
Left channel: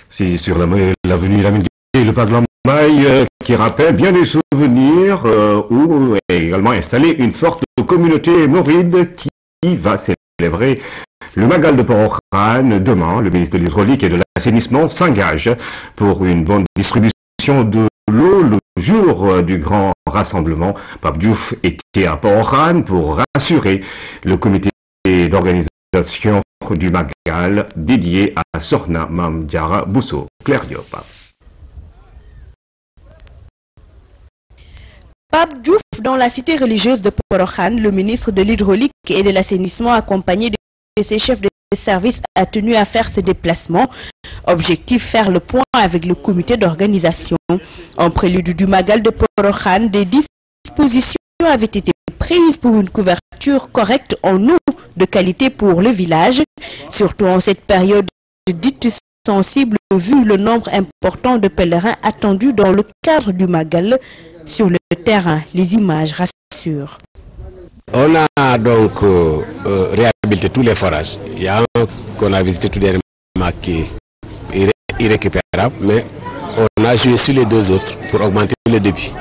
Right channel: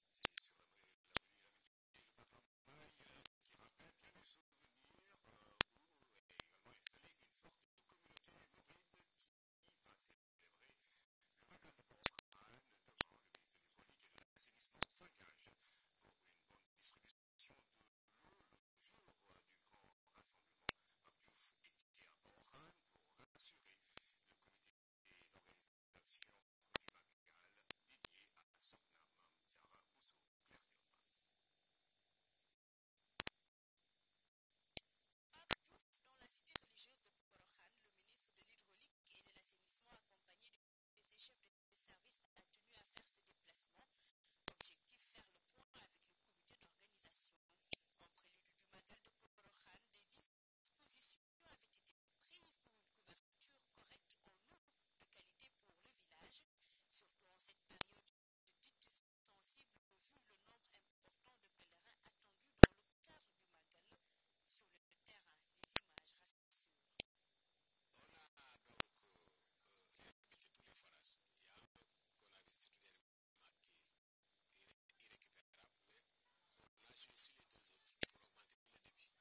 C'est sur l'avenue Lamine Gueye, le parc Lambaye qui rappelle bien des souvenirs où est également installée une forte communauté mouride qui va célébrer le Magal de Port-au-Khan. Demain, le ministre de l'Hydraulique et de l'Assainissement s'engage pour une bonne distribution de l'eau le jour du grand rassemblement. Pape Diouf était à Port-au-Khan pour rassurer le comité d'organisation du Magal dédié à Sorna Mam Diara Bousso. Claire Diop. Pape Diouf dans la cité religieuse de Port-au-Khan, le ministre de l'Hydraulique et de l'Assainissement accompagné de ses chefs de service a tenu à faire ce déplacement. Objectif, faire le point avec le comité d'organisation. En prélude du Magal de Port-au-Khan, des dispositions avaient été prises pour une couverture correcte en eau de qualité pour le village, surtout en cette période dite sensible vu le nombre important de pèlerins attendus dans le cadre du Magal. Sur le terrain, les images rassurent. On a donc réhabilité tous les forages. Il y a un qu'on a visité tout dernièrement qui est irrécupérable, mais on a joué sur les 2 autres pour augmenter le débit.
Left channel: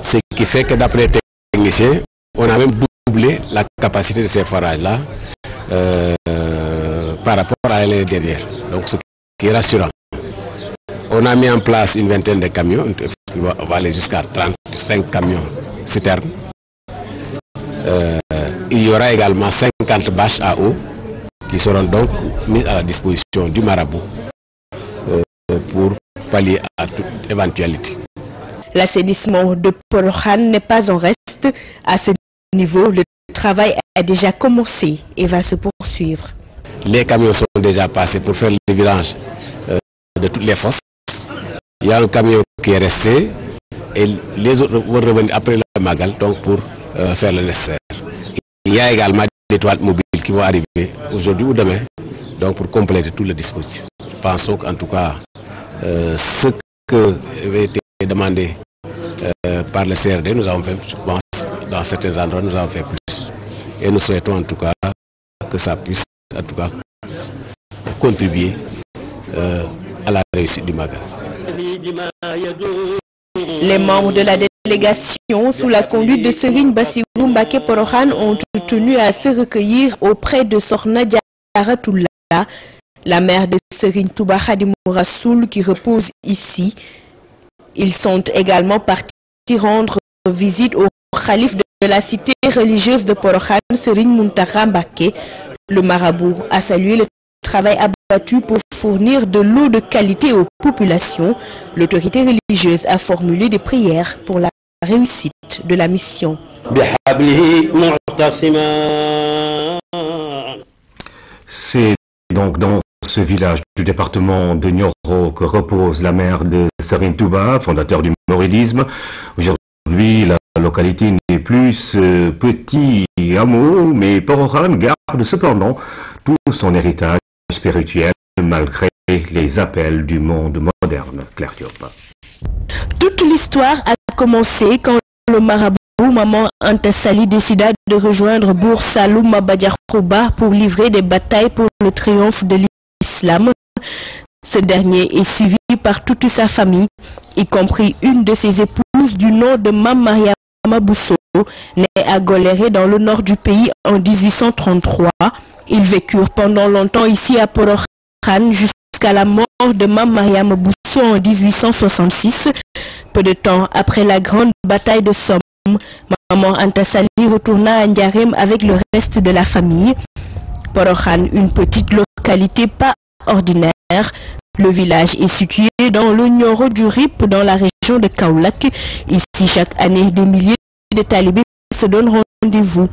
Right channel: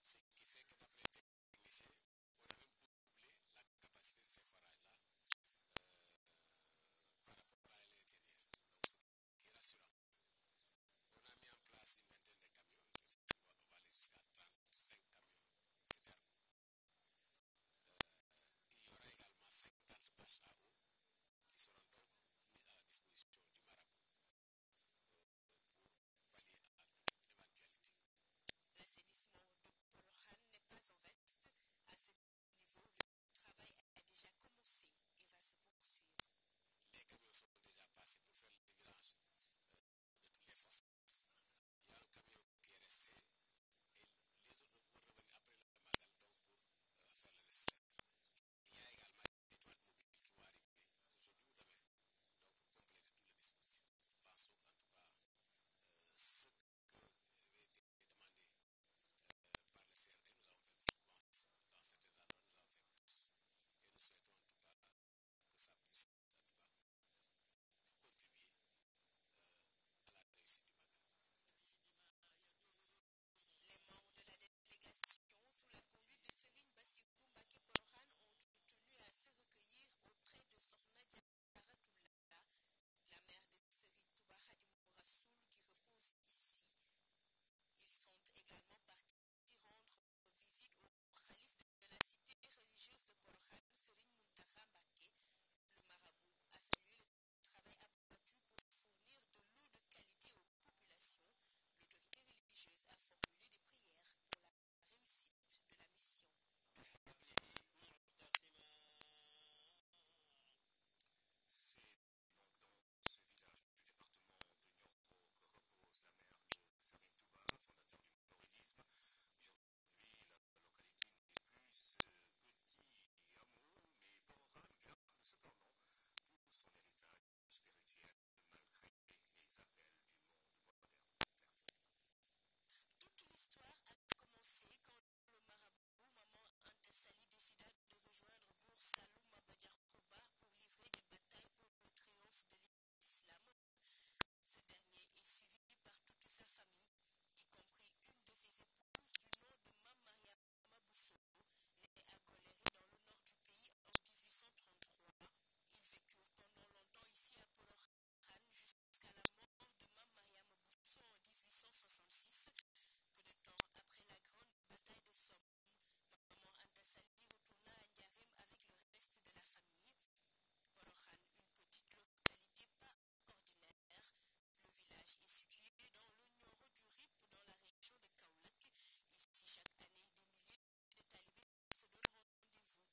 Ce qui fait que d'après les techniciens, on a même doublé la capacité de ces forages-là par rapport à l'année dernière. Donc ce qui est rassurant. On a mis en place une vingtaine de camions, on va aller jusqu'à 35 camions citernes. Il y aura également 50 bâches à eau qui seront donc mises à la disposition du marabout pour pallier à toute éventualité. L'assainissement de Port-au-Khan n'est pas en reste. À ce niveau, le travail a déjà commencé et va se poursuivre. Les camions sont déjà passés pour faire le vidange de toutes les fosses. Il y a un camion qui est resté et les autres vont revenir après le Magal donc pour faire le nécessaire. Il y a également des toilettes mobiles qui vont arriver aujourd'hui ou demain donc pour compléter tout le dispositif. Je pense qu'en tout cas, ce que avait été demandé par le CRD, nous avons fait, je pense, dans certains endroits, nous avons fait plus. Et nous souhaitons en tout cas que ça puisse en tout cas contribuer à la réussite du Magal. Les membres de la délégation, sous la conduite de Serigne Bassirou Mbacké Port-au-Khan, ont tenu à se recueillir auprès de Sorna Diara Toula, la mère de Serigne Touba Khadimou Rassoul qui repose ici. Ils sont également partis rendre visite au khalife de la cité religieuse de Port-au-Khan, Serigne Mountakha Mbacké. Le marabout a salué le travail abattu pour fournir de l'eau de qualité aux populations. L'autorité religieuse a formulé des prières pour la réussite de la mission. C'est donc dans ce village du département de Nioro que repose la mère de Serigne Touba, fondateur du mouridisme. Aujourd'hui, la localité n'est plus ce petit hameau, mais Porokhane garde cependant tout son héritage spirituel malgré les appels du monde moderne. Claire Diop. Toute l'histoire a commencé quand le marabout Maman Anta Sali décida de rejoindre Bour Saloum Maba Diakhou Ba pour livrer des batailles pour le triomphe de l'islam. Ce dernier est suivi par toute sa famille, y compris une de ses épouses du nom de Mame Mariama Bousso, née à Goléré dans le nord du pays en 1833. Ils vécurent pendant longtemps ici à Porokhane jusqu'à la mort de Mame Mariama Bousso en 1866. Peu de temps après la grande bataille de Somme, Maman Anta Sali retourna à Ndiarème avec le reste de la famille. Porokhane, une petite localité pas ordinaire. Le village est situé dans le Nioro du Rip, dans la région de Kaolack. Ici, chaque année, des milliers de talibés se donnent rendez-vous.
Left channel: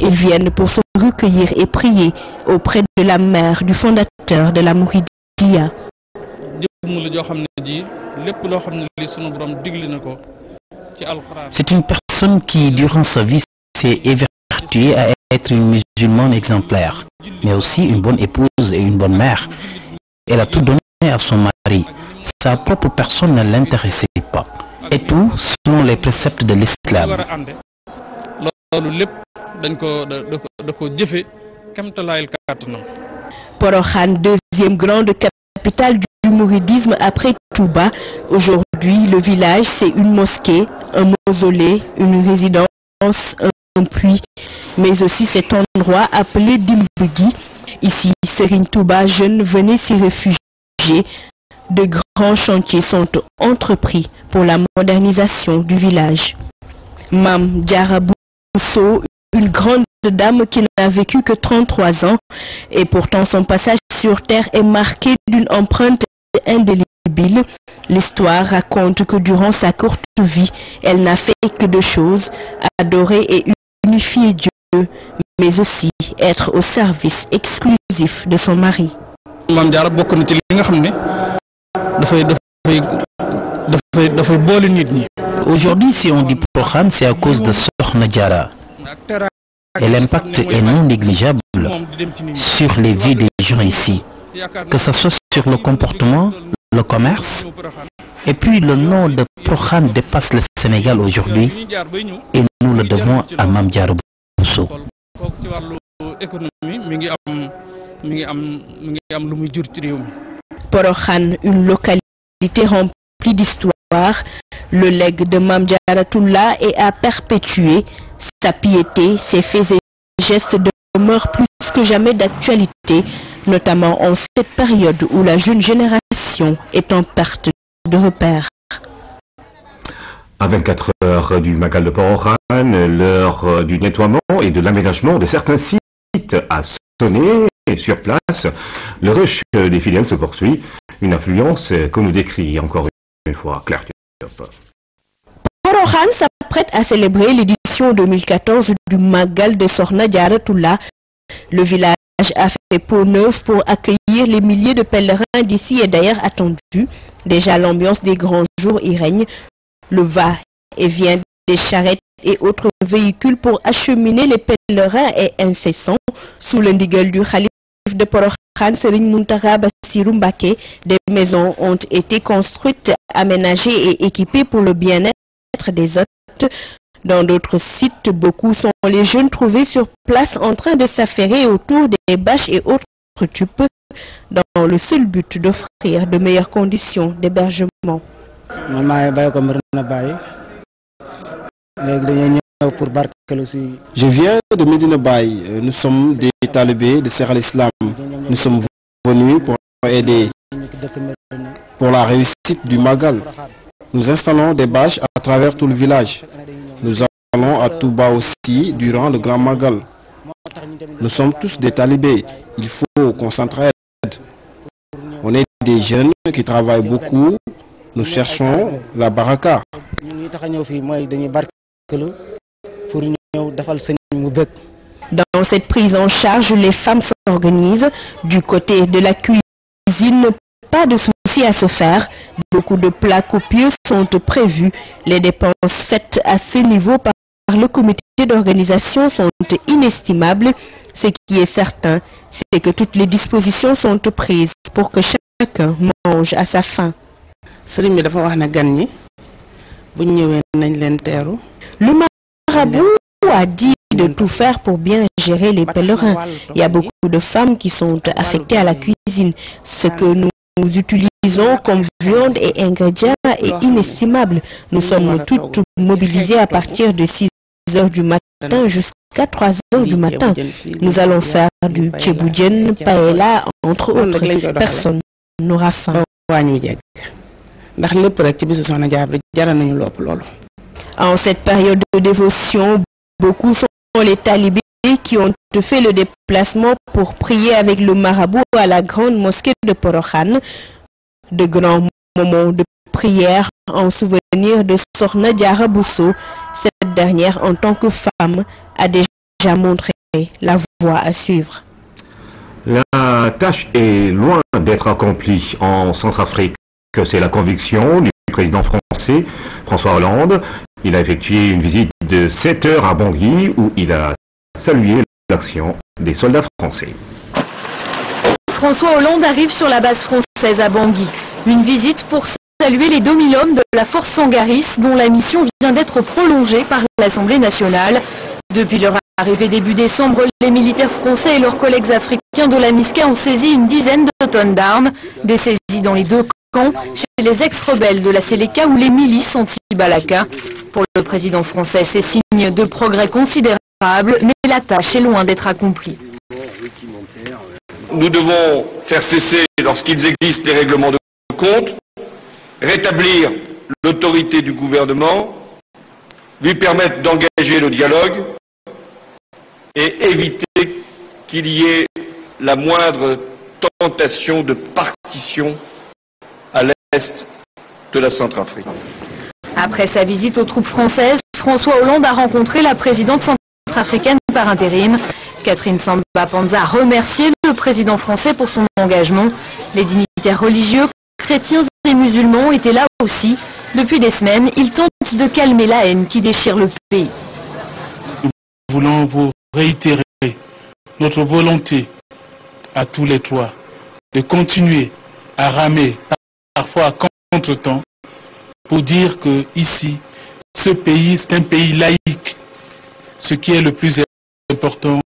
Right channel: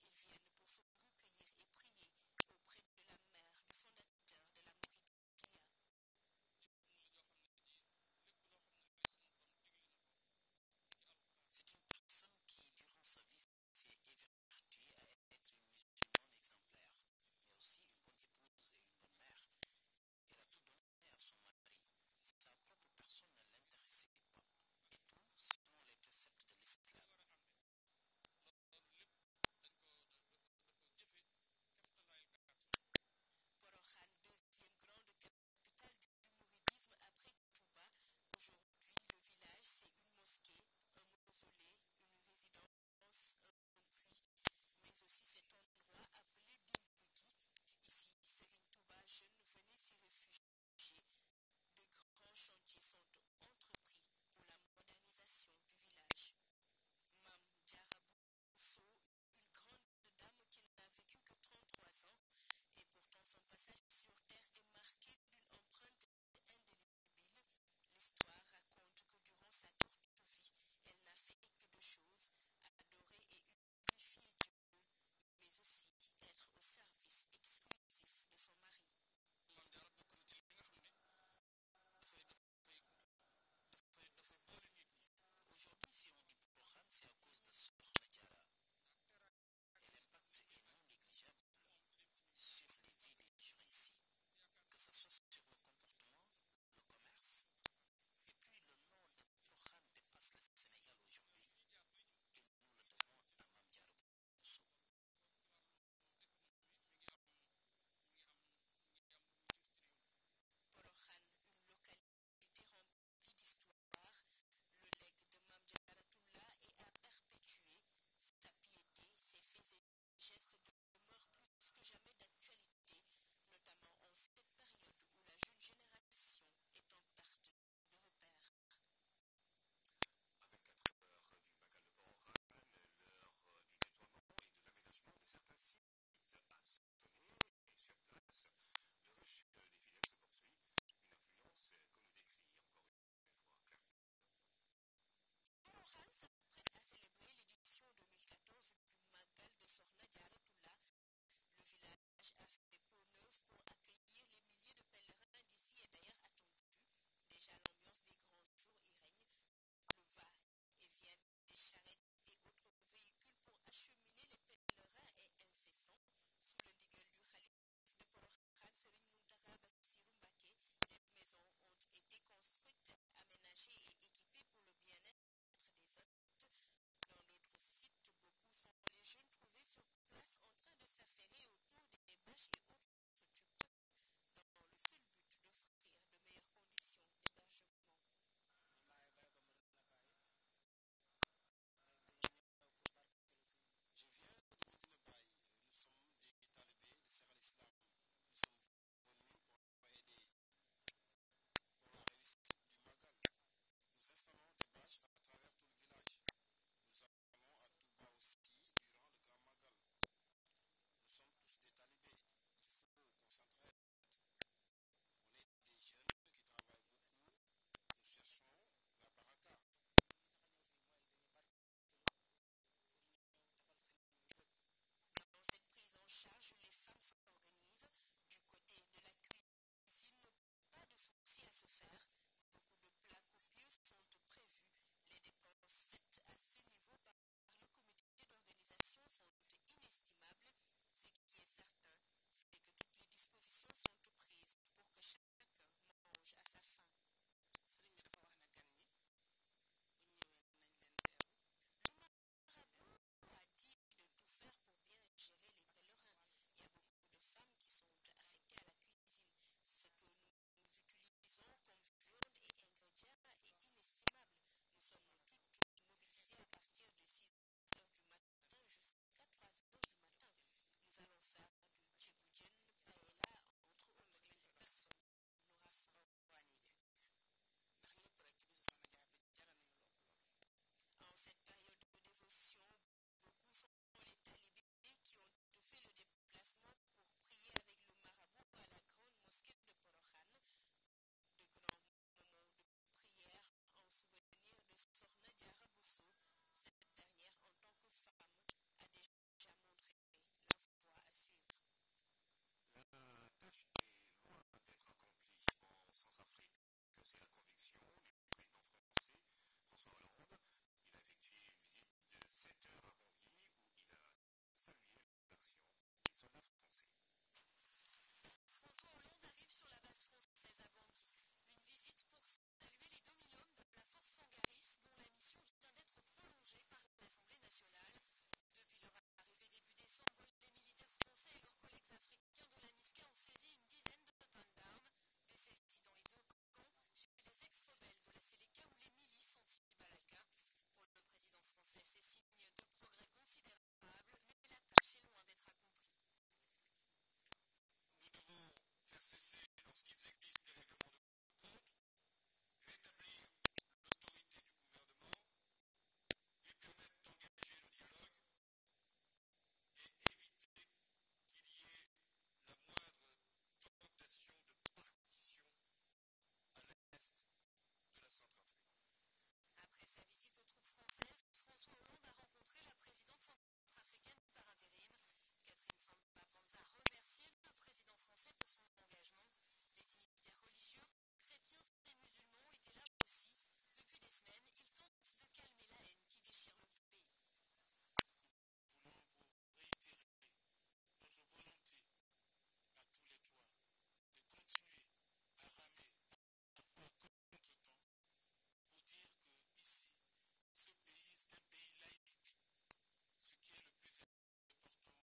Ils viennent pour se recueillir et prier auprès de la mère du fondateur de la Mouridiya. C'est une personne qui, durant sa vie, s'est évertuée à être une musulmane exemplaire, mais aussi une bonne épouse et une bonne mère. Elle a tout donné à son mari. Sa propre personne ne l'intéressait pas. Et tout selon les préceptes de l'islam. Porokhane, deuxième grande capitale du mouridisme après Touba. Aujourd'hui, le village, c'est une mosquée, un mausolée, une résidence, un puits, mais aussi cet endroit appelé Dimbugui. Ici, Serigne Touba, jeune, venait s'y réfugier. De grands chantiers sont entrepris pour la modernisation du village. Mame Diarra Bousso, une grande dame qui n'a vécu que 33 ans, et pourtant son passage sur terre est marqué d'une empreinte indélébile. L'histoire raconte que durant sa courte vie, elle n'a fait que deux choses, adorer et unifier Dieu, mais aussi être au service exclusif de son mari. Aujourd'hui, si on dit Porokhane, c'est à cause de Sokhna Diarra. Et l'impact est non négligeable sur les vies des gens ici, que ce soit sur le comportement, le commerce, et puis le nom de Porokhane dépasse le Sénégal aujourd'hui, et nous le devons à Mame Diarra Bousso. Porokhane, une localité remplie d'histoire. Le legs de Mame Diarra est à perpétuer. Sa piété, ses faits et gestes demeurent plus que jamais d'actualité, notamment en cette période où la jeune génération est en perte de repères. À 24 heures du Magal de Porokhane, l'heure du nettoiement et de l'aménagement de certains sites a sonné. Sur place, le rush des fidèles se poursuit. Une affluence que nous décrit encore une fois Claire Diop. Porokhane s'apprête à célébrer l'édition 2014 du Magal de Sokhna Diarra. Le village a fait peau neuve pour accueillir les milliers de pèlerins d'ici et d'ailleurs attendus. Déjà, l'ambiance des grands jours y règne. Le va-et-vient des charrettes et autres véhicules pour acheminer les pèlerins est incessant. Sous le ndigal du Khalif de Porokhane, Serigne Mountakha Bassirou Mbacké, des maisons ont été construites, aménagées et équipées pour le bien-être des hôtes. Dans d'autres sites, beaucoup sont les jeunes trouvés sur place en train de s'affairer autour des bâches et autres tubes dans le seul but d'offrir de meilleures conditions d'hébergement. Je viens de Medina Baye. Nous sommes des talibés de Serre al-Islam. Nous sommes venus pour aider pour la réussite du Magal. Nous installons des bâches à travers tout le village. Nous allons à Touba aussi durant le Grand Magal. Nous sommes tous des talibés. Il faut qu'on s'entraide. On est des jeunes qui travaillent beaucoup. Nous cherchons la baraka. Dans cette prise en charge, les femmes s'organisent. Du côté de la cuisine, pas de souci à se faire. Beaucoup de plats copieux sont prévus. Les dépenses faites à ce niveau par le comité d'organisation sont inestimables. Ce qui est certain, c'est que toutes les dispositions sont prises pour que chacun mange à sa faim. Le marabout a dit de tout faire pour bien gérer les pèlerins. Il y a beaucoup de femmes qui sont affectées à la cuisine. Ce que nous utilisons comme viande et ingrédients est inestimable. Nous sommes toutes mobilisées à partir de 6 heures du matin jusqu'à 3 heures du matin. Nous allons faire du tchéboudienne, paella, entre autres. Personne n'aura faim. En cette période de dévotion, beaucoup sont les talibés qui ont fait le déplacement pour prier avec le marabout à la grande mosquée de Porokhan. De grands moments de prière en souvenir de Sokhna Diarra Bousso. Cette dernière, en tant que femme, a déjà montré la voie à suivre. La tâche est loin d'être accomplie en Centrafrique. C'est la conviction du président français, François Hollande. Il a effectué une visite de 7 heures à Bangui où il a salué l'action des soldats français. François Hollande arrive sur la base française à Bangui. Une visite pour saluer les 2000 hommes de la force Sangaris dont la mission vient d'être prolongée par l'Assemblée nationale. Depuis leur arrivée début décembre, les militaires français et leurs collègues africains de la MISCA ont saisi une dizaine de tonnes d'armes, des saisies dans les deux camps, chez les ex-rebelles de la Séléka ou les milices anti-Balaka. Pour le président français, c'est signe de progrès considérable, mais la tâche est loin d'être accomplie. Nous devons faire cesser, lorsqu'ils existent, les règlements de compte, rétablir l'autorité du gouvernement, lui permettre d'engager le dialogue et éviter qu'il y ait la moindre tentation de partition à l'est de la Centrafrique. Après sa visite aux troupes françaises, François Hollande a rencontré la présidente centrafricaine par intérim. Catherine Samba-Panza a remercié le président français pour son engagement. Les dignitaires religieux, chrétiens et musulmans étaient là aussi. Depuis des semaines, ils tentent de calmer la haine qui déchire le pays. Nous voulons vous réitérer notre volonté à tous les trois de continuer à ramer, parfois à contre-temps, pour dire que ici, ce pays, c'est un pays laïque. Ce qui est le plus important,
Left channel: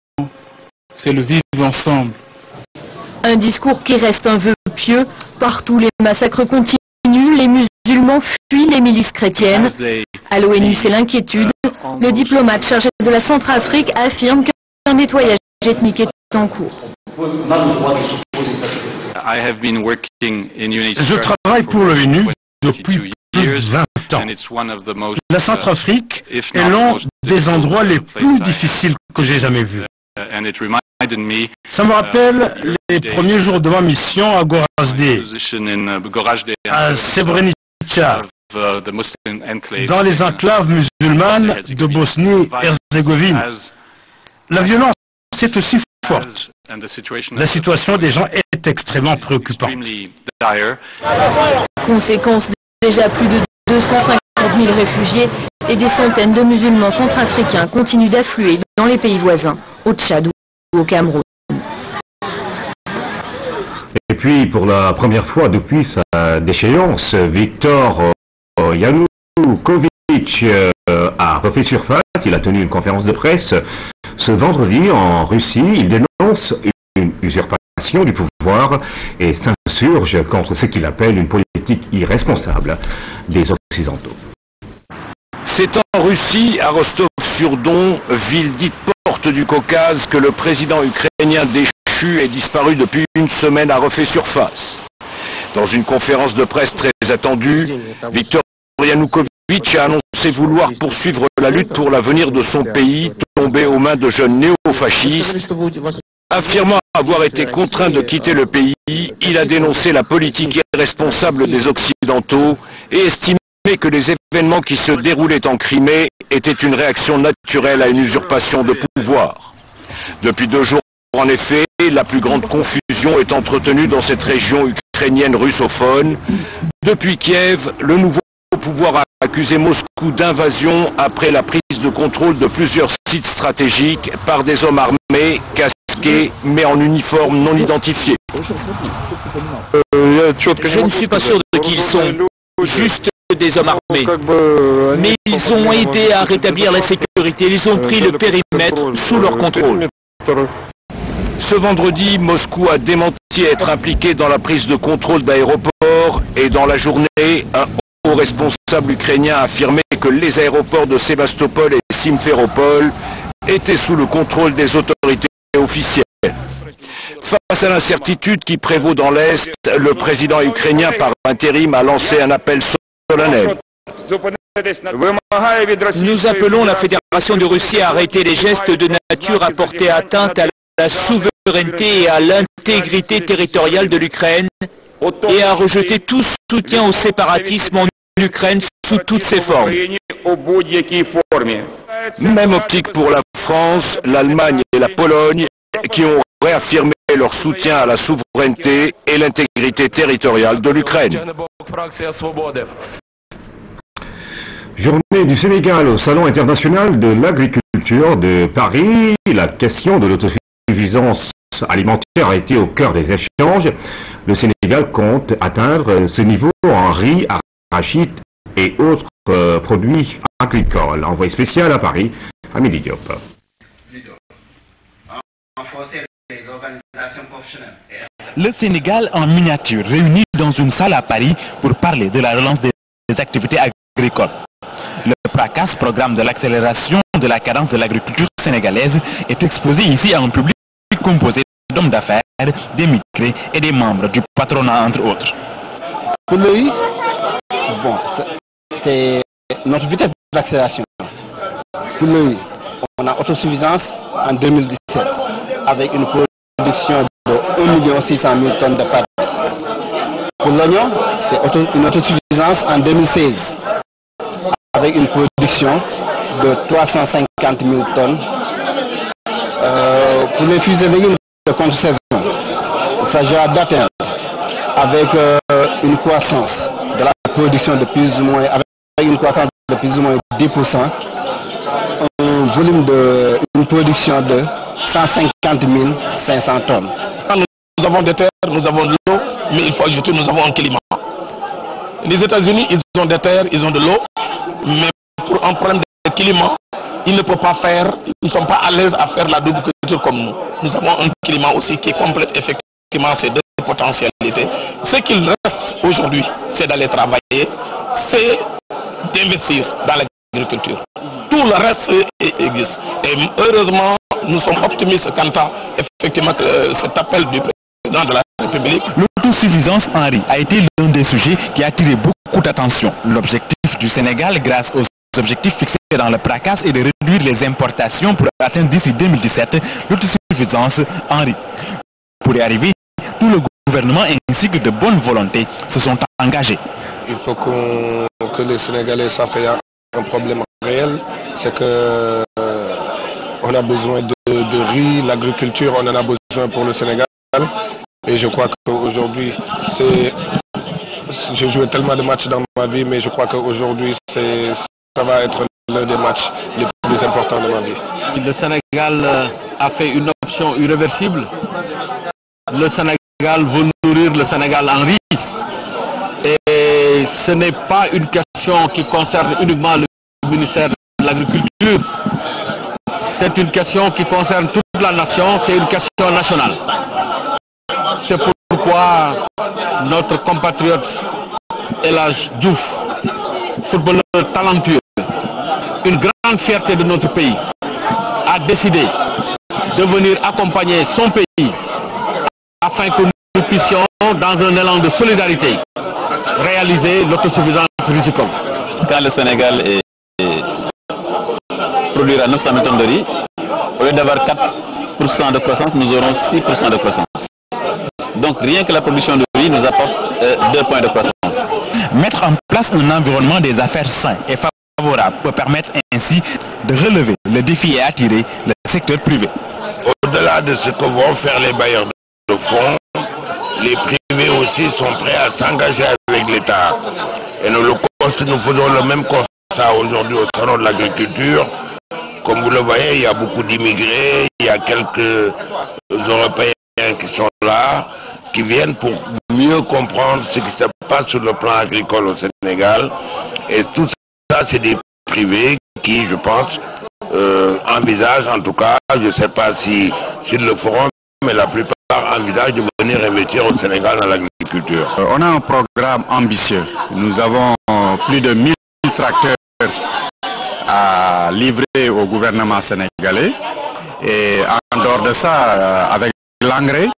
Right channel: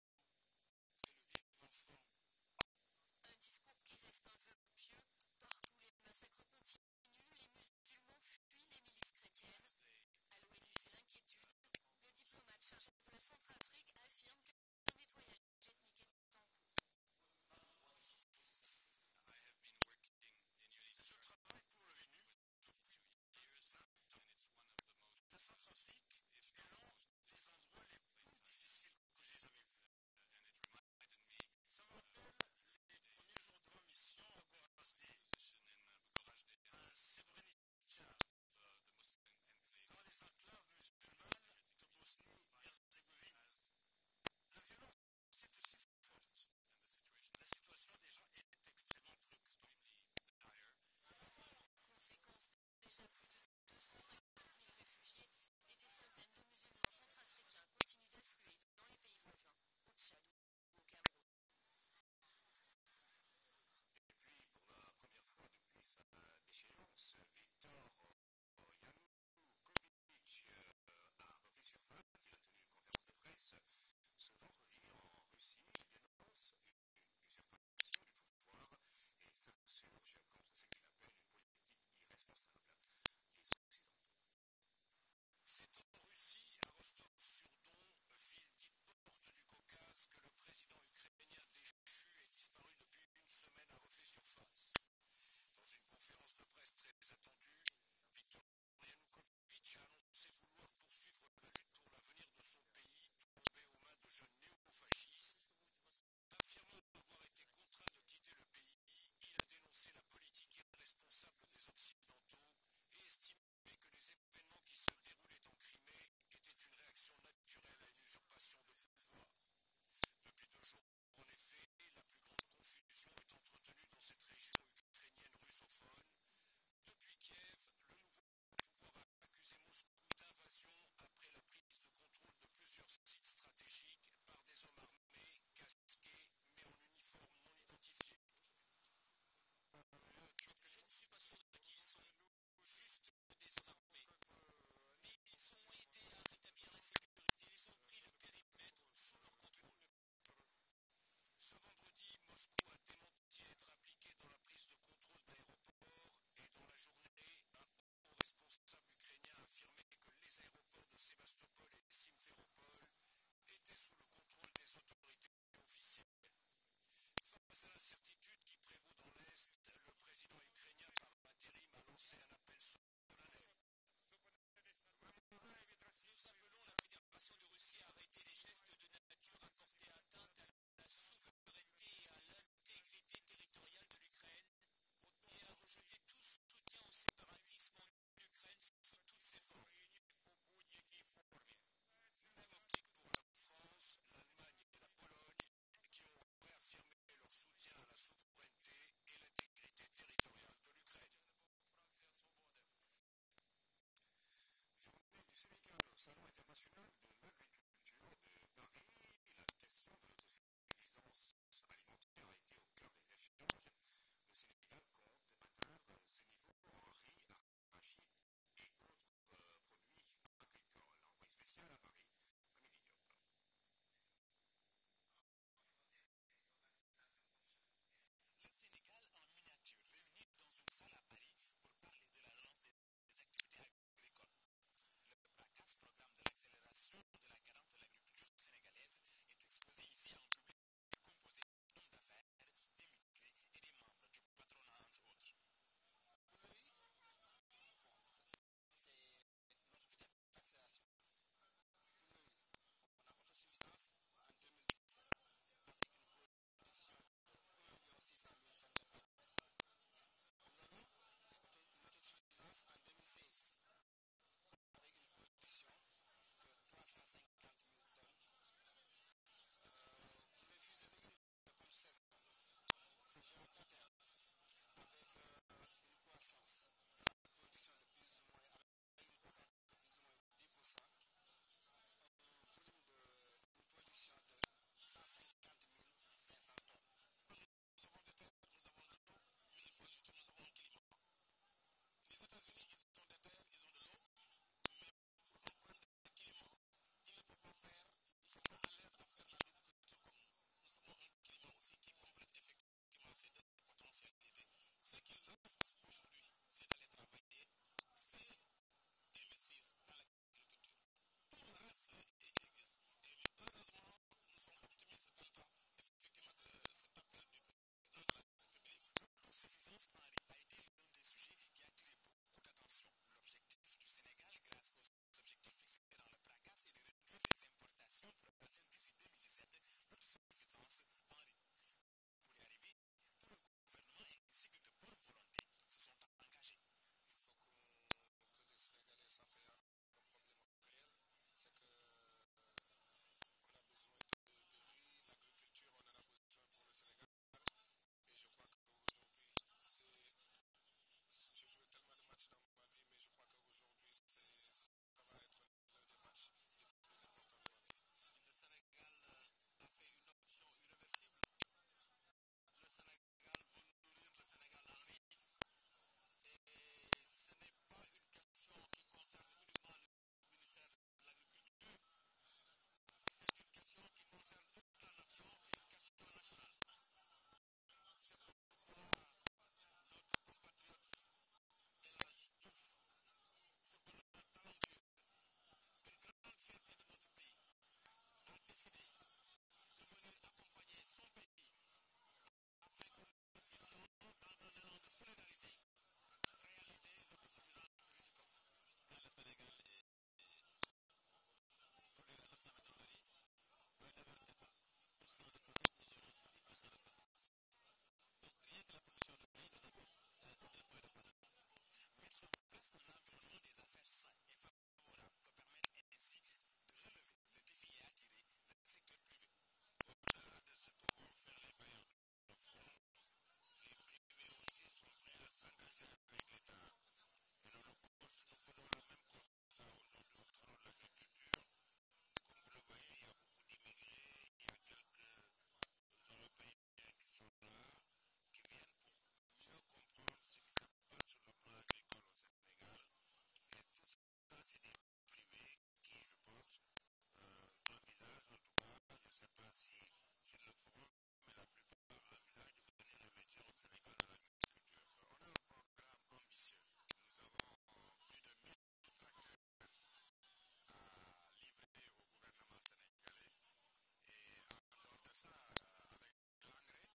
c'est le vivre ensemble. Un discours qui reste un vœu pieux. Partout, les massacres continuent, les musulmans fuient les milices chrétiennes. À l'ONU, c'est l'inquiétude. Le diplomate chargé de la Centrafrique affirme qu'un nettoyage ethnique est en cours. Je travaille pour l'ONU depuis plus de 20 ans. La Centrafrique est l'un des endroits les plus difficiles que j'ai jamais vus. Ça me rappelle les premiers jours de ma mission à Gorazde, à Srebrenica, dans les enclaves musulmanes de Bosnie-Herzégovine. La violence est aussi forte. La situation des gens est extrêmement préoccupante. Conséquence, déjà plus de 250 000 réfugiés et des centaines de musulmans centrafricains continuent d'affluer dans les pays voisins, au Tchad ou au Cameroun. Et puis, pour la première fois depuis sa déchéance, Viktor Yanukovych a refait surface. Il a tenu une conférence de presse ce vendredi en Russie. Il dénonce une usurpation du pouvoir et s'insurge contre ce qu'il appelle une politique irresponsable des Occidentaux. C'est en Russie, à Rostov-sur-Don, ville dite porte du Caucase, que le président ukrainien déchu est disparu depuis une semaine a refait surface. Dans une conférence de presse très attendue, Viktor Yanukovych a annoncé vouloir poursuivre la lutte pour l'avenir de son pays, tombé aux mains de jeunes néo-fascistes. Affirmant avoir été contraint de quitter le pays, il a dénoncé la politique irresponsable des Occidentaux et estimé que les événements qui se déroulaient en Crimée était une réaction naturelle à une usurpation de pouvoir. Depuis 2 jours, en effet, la plus grande confusion est entretenue dans cette région ukrainienne russophone. Depuis Kiev, le nouveau pouvoir a accusé Moscou d'invasion après la prise de contrôle de plusieurs sites stratégiques par des hommes armés, casqués, mais en uniforme non identifié. Je ne suis pas sûr de qui ils sont, juste des hommes armés. Mais ils ont aidé à rétablir la sécurité, ils ont pris le périmètre sous leur contrôle. Ce vendredi, Moscou a démenti être impliqué dans la prise de contrôle d'aéroports et dans la journée, un haut responsable ukrainien a affirmé que les aéroports de Sébastopol et Simferopol étaient sous le contrôle des autorités officielles. Face à l'incertitude qui prévaut dans l'Est, le président ukrainien par intérim a lancé un appel solennel. Nous appelons la Fédération de Russie à arrêter les gestes de nature à porter atteinte à la souveraineté et à l'intégrité territoriale de l'Ukraine et à rejeter tout soutien au séparatisme en Ukraine sous toutes ses formes. Même optique pour la France, l'Allemagne et la Pologne qui ont réaffirmé leur soutien à la souveraineté et l'intégrité territoriale de l'Ukraine. Journée du Sénégal au Salon international de l'agriculture de Paris. La question de l'autosuffisance alimentaire a été au cœur des échanges. Le Sénégal compte atteindre ce niveau en riz, arachide et autres produits agricoles. Envoyé spécial à Paris, Amélie Diop. Le Sénégal en miniature, réuni dans une salle à Paris pour parler de la relance des activités agricoles. Le PRACAS, programme de l'accélération de la cadence de l'agriculture sénégalaise, est exposé ici à un public composé d'hommes d'affaires, d'émigrés et des membres du patronat, entre autres. Pour le riz, bon, c'est notre vitesse d'accélération. Pour le riz, on a autosuffisance en 2017 avec une production de 1 600 000 tonnes de pâtes. Pour l'oignon, c'est une autosuffisance en 2016 avec une production de 350 000 tonnes. Pour les fruits et légumes de contre-saison, il s'agira d'atteindre avec une croissance de la production de plus ou moins, avec une croissance de plus ou moins 10%, un volume de une production de 150 500 tonnes. Nous avons des terres, nous avons de l'eau, mais il faut ajouter, nous avons un climat. Les États-Unis, ils ont des terres, ils ont de l'eau, mais pour un problème de climat, ils ne peuvent pas faire, ils ne sont pas à l'aise à faire la double culture comme nous. Nous avons un climat aussi qui complète effectivement ces deux potentialités. Ce qu'il reste aujourd'hui, c'est d'aller travailler, c'est d'investir dans l'agriculture. Tout le reste existe. Et heureusement, nous sommes optimistes quant à effectivement cet appel du président de la République. L'autosuffisance en riz a été l'un des sujets qui a attiré beaucoup d'attention. L'objectif du Sénégal, grâce aux objectifs fixés dans le PRACAS, est de réduire les importations pour atteindre d'ici 2017 l'autosuffisance en riz. Pour y arriver, tout le gouvernement ainsi que de bonne volonté se sont engagés. Il faut que les Sénégalais savent qu'il y a un problème réel, c'est que on a besoin de riz, l'agriculture, on en a besoin pour le Sénégal. Et je crois qu'aujourd'hui, j'ai joué tellement de matchs dans ma vie, mais je crois qu'aujourd'hui, ça va être l'un des matchs les plus importants de ma vie. Le Sénégal a fait une option irréversible. Le Sénégal veut nourrir le Sénégal en riz. Et ce n'est pas une question qui concerne uniquement le ministère de l'Agriculture. C'est une question qui concerne toute la nation, c'est une question nationale. C'est pourquoi notre compatriote El Hadj Diouf, footballeur talentueux, une grande fierté de notre pays, a décidé de venir accompagner son pays afin que nous puissions, dans un élan de solidarité, réaliser l'autosuffisance risicole. Quand le Sénégal produira 900 000 tonnes de riz, au lieu d'avoir 4% de croissance, nous aurons 6% de croissance. Donc rien que la production de riz nous apporte 2 points de croissance. Mettre en place un environnement des affaires sain et favorable peut permettre ainsi de relever le défi et attirer le secteur privé. Au-delà de ce que vont faire les bailleurs de fonds, les privés aussi sont prêts à s'engager avec l'État. Et nous faisons le même constat aujourd'hui au salon de l'agriculture. Comme vous le voyez, il y a beaucoup d'immigrés, il y a quelques Européens qui sont là, qui viennent pour mieux comprendre ce qui se passe sur le plan agricole au Sénégal. Et tout ça, c'est des privés qui, je pense, envisagent, en tout cas, je ne sais pas s'ils le feront, mais la plupart envisagent de venir investir au Sénégal dans l'agriculture. On a un programme ambitieux. Nous avons plus de 1000 tracteurs à livrer au gouvernement sénégalais. Et en dehors de ça, avec l'engrais,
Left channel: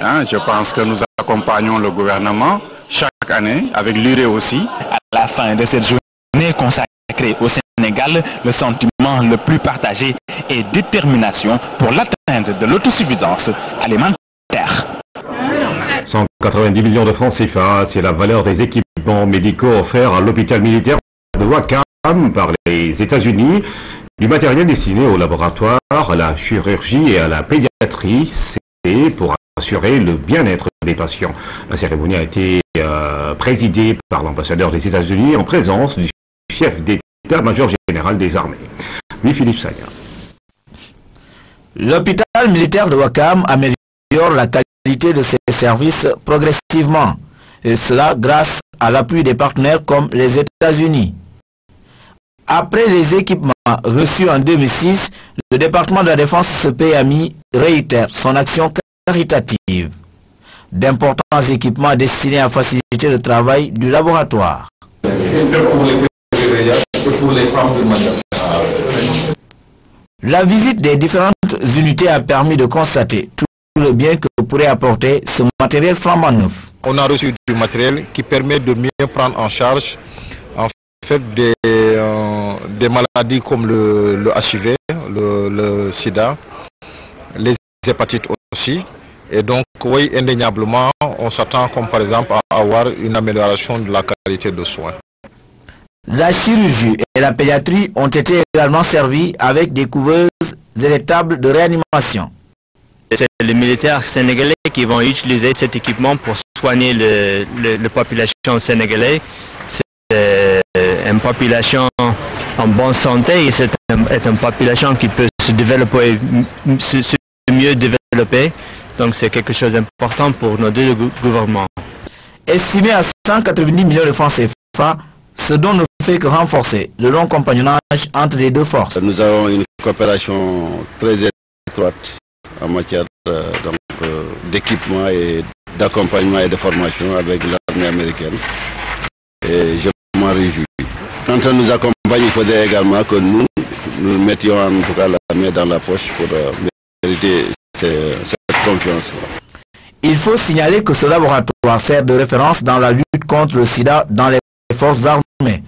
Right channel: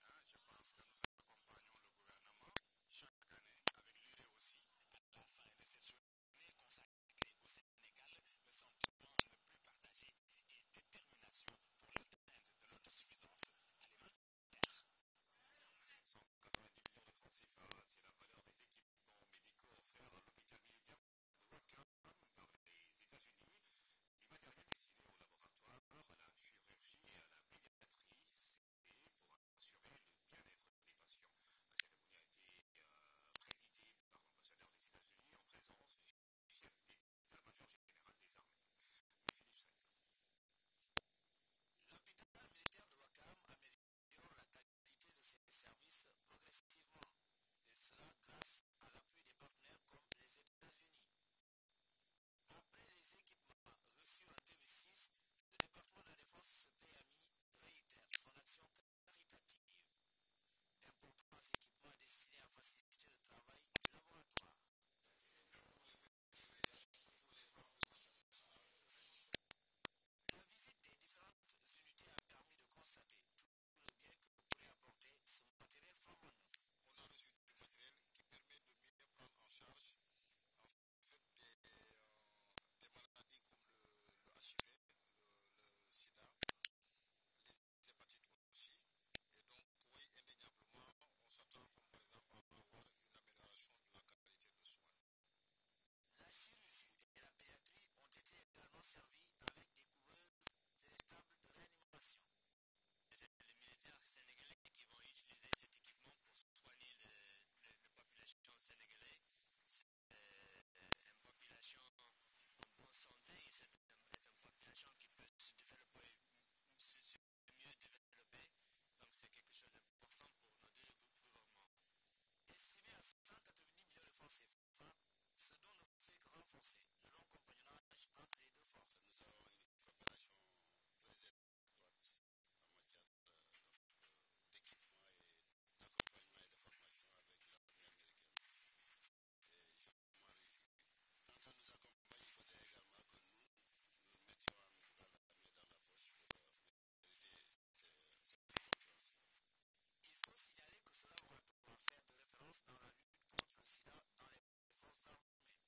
je pense que nous accompagnons le gouvernement chaque année, avec l'urée aussi. À la fin de cette journée consacrée au Sénégal, le sentiment le plus partagé est détermination pour l'atteinte de l'autosuffisance alimentaire. 190 millions de francs CFA, c'est la valeur des équipements médicaux offerts à l'hôpital militaire de Wakam par les États-Unis. Du matériel destiné au laboratoire, à la chirurgie et à la pédiatrie, c'est pour assurer le bien-être des patients. La cérémonie a été présidée par l'ambassadeur des États-Unis en présence du chef d'état-major général des armées. Oui, Philippe Sagna. L'hôpital militaire de Wakam améliore la qualité de ses services progressivement, et cela grâce à l'appui des partenaires comme les États-Unis. Après les équipements reçus en 2006, le département de la Défense PMI réitère son action caritative. D'importants équipements destinés à faciliter le travail du laboratoire. La visite des différentes unités a permis de constater tout le bien que pourrait apporter ce matériel flambant neuf. On a reçu du matériel qui permet de mieux prendre en charge des maladies comme le HIV, le sida, les hépatites aussi. Et donc, oui, indéniablement, on s'attend comme par exemple à avoir une amélioration de la qualité de soins. La chirurgie et la pédiatrie ont été également servies avec des couveuses et des tables de réanimation. C'est les militaires sénégalais qui vont utiliser cet équipement pour soigner la population sénégalaise. C'est une population en bonne santé et c'est une population qui peut se développer, se mieux développer. Donc c'est quelque chose d'important pour nos deux gouvernements. Estimé à 190 millions de francs CFA, ce dont ne fait que renforcer le long compagnonnage entre les deux forces. Nous avons une coopération très étroite en matière d'équipement et d'accompagnement et de formation avec l'armée américaine. Et je m'en réjouis. Quand on nous accompagne, il faudrait également que nous mettions en tout cas la main dans la poche pour mériter cette confiance. Il faut signaler que ce laboratoire sert de référence dans la lutte contre le sida dans les forces armées.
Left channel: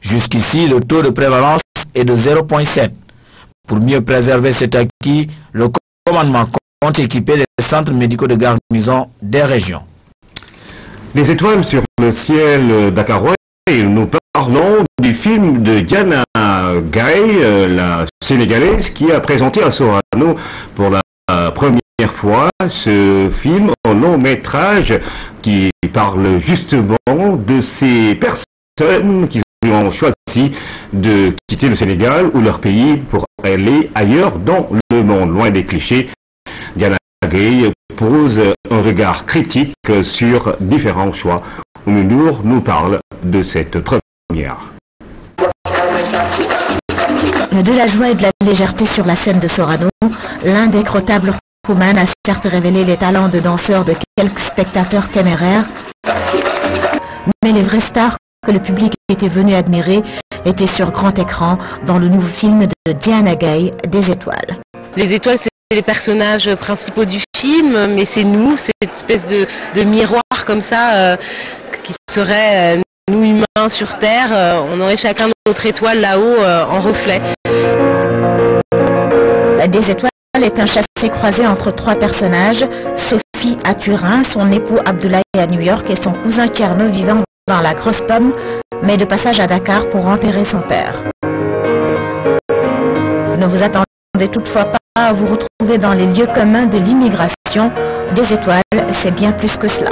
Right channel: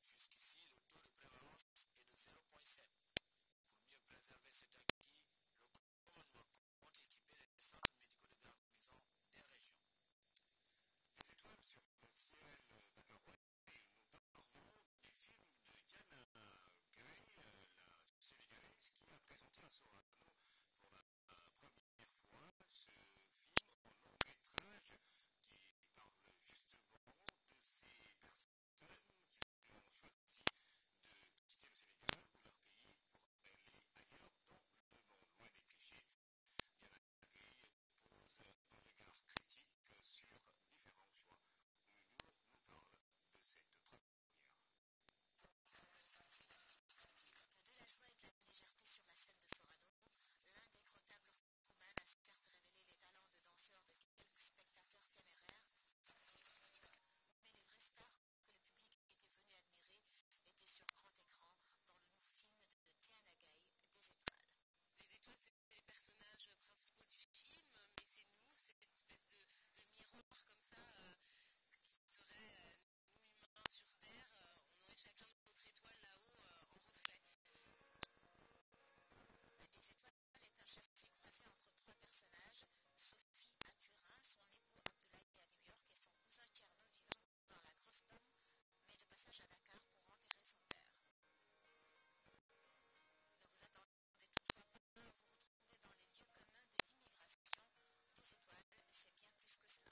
Jusqu'ici, le taux de prévalence est de 0,7. Pour mieux préserver cet acquis, le commandement compte équiper les centres médicaux de garnison des régions. Les étoiles sur le ciel dakarois, nous parlons du film de Diana Gaye, la Sénégalaise, qui a présenté à Sorano pour la première fois ce film en long métrage qui parle justement de ces personnes qui ont choisi de quitter le Sénégal ou leur pays pour aller ailleurs dans le monde, loin des clichés. Diana Gaye pose un regard critique sur différents choix. Oumoundour nous parle de cette première. De la joie et de la légèreté sur la scène de Sorano, l'indécrottable Rouman a certes révélé les talents de danseur de quelques spectateurs téméraires, mais les vraies stars que le public était venu admirer étaient sur grand écran dans le nouveau film de Diana Gaye, Des étoiles. Les étoiles, c'est les personnages principaux du film, mais c'est nous, cette espèce de miroir comme ça, qui serait nous humains sur Terre, on aurait chacun notre étoile là-haut en reflet. Des étoiles est un chassé-croisé entre trois personnages, Sophie à Turin, son époux Abdoulaye à New York et son cousin Tierno vivant dans la Grosse Pomme, mais de passage à Dakar pour enterrer son père. toutefois pas à vous retrouver dans les lieux communs de l'immigration. Des étoiles, c'est bien plus que cela.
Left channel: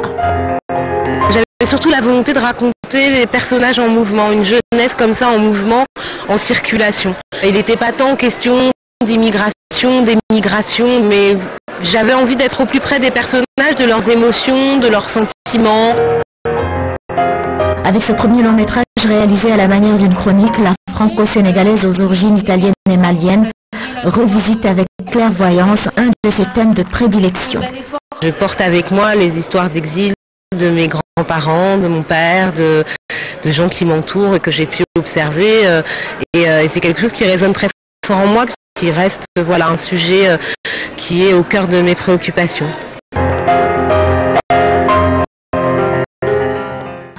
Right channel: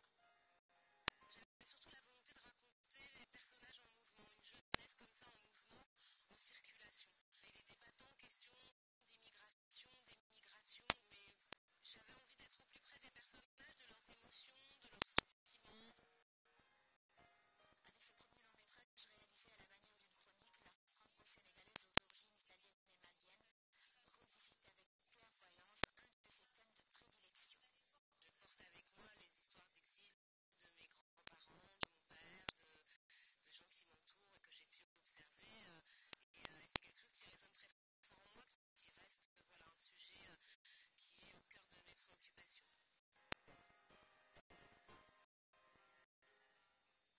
J'avais surtout la volonté de raconter des personnages en mouvement, une jeunesse comme ça en mouvement, en circulation. Il n'était pas tant question d'immigration, d'émigration, mais j'avais envie d'être au plus près des personnages, de leurs émotions, de leurs sentiments. Avec ce premier long métrage réalisé à la manière d'une chronique, la franco-sénégalaise aux origines italiennes et maliennes revisite avec clairvoyance un de ses thèmes de prédilection. Je porte avec moi les histoires d'exil de mes grands-parents, de mon père, de gens qui m'entourent et que j'ai pu observer. Et c'est quelque chose qui résonne très fort en moi, qui reste voilà, un sujet qui est au cœur de mes préoccupations.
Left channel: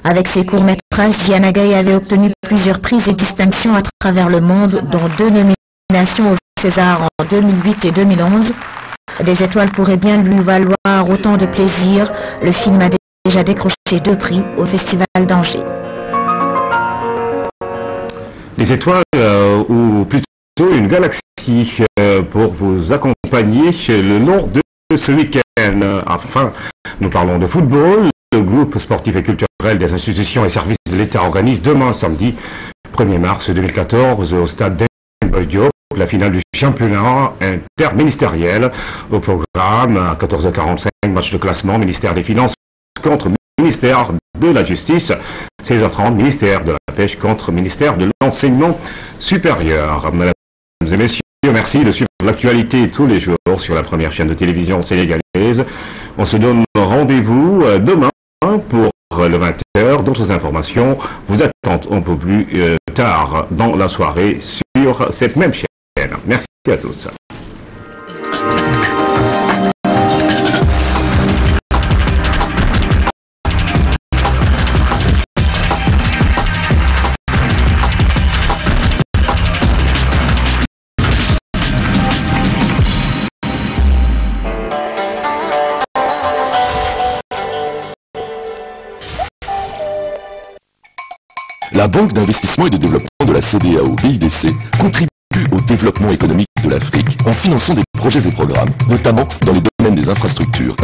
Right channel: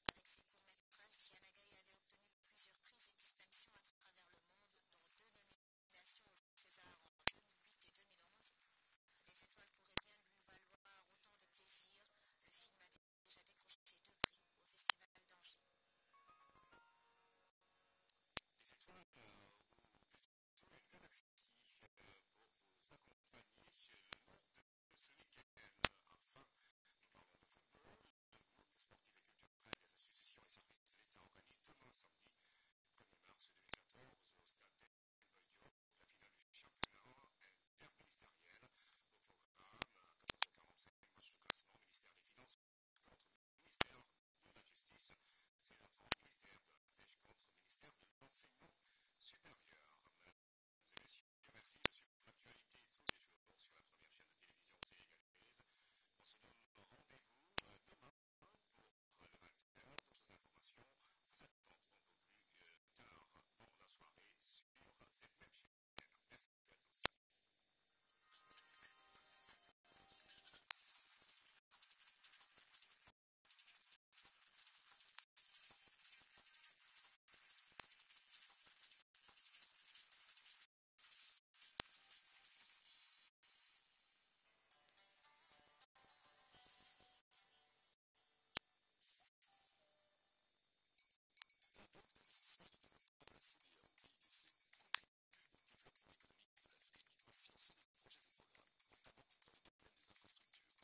Avec ses courts-métrages, Diana Gaye avait obtenu plusieurs prix et distinctions à travers le monde, dont 2 nominations au César en 2008 et 2011. Des étoiles pourraient bien lui valoir autant de plaisir. Le film a déjà décroché 2 prix au Festival d'Angers. Les étoiles, ou plutôt une galaxie, pour vous accompagner le long de ce week-end. Enfin, nous parlons de football. Le groupe sportif et culturel des institutions et services de l'État organise demain, samedi 1er mars 2014, au stade d'Emboy Diop, la finale du championnat interministériel. Au programme, à 14h45, match de classement, ministère des Finances contre ministère de la Justice. 16h30, ministère de la Pêche contre ministère de l'Enseignement supérieur. Mesdames et messieurs, merci de suivre l'actualité tous les jours sur la première chaîne de télévision sénégalaise. On se donne rendez-vous demain pour le 20h. D'autres informations vous attendent un peu plus tard dans la soirée sur cette même chaîne. Merci à tous. La Banque d'investissement et de développement de la CEDEAO BIDC contribue au développement économique de l'Afrique en finançant des projets et programmes, notamment dans les domaines des infrastructures,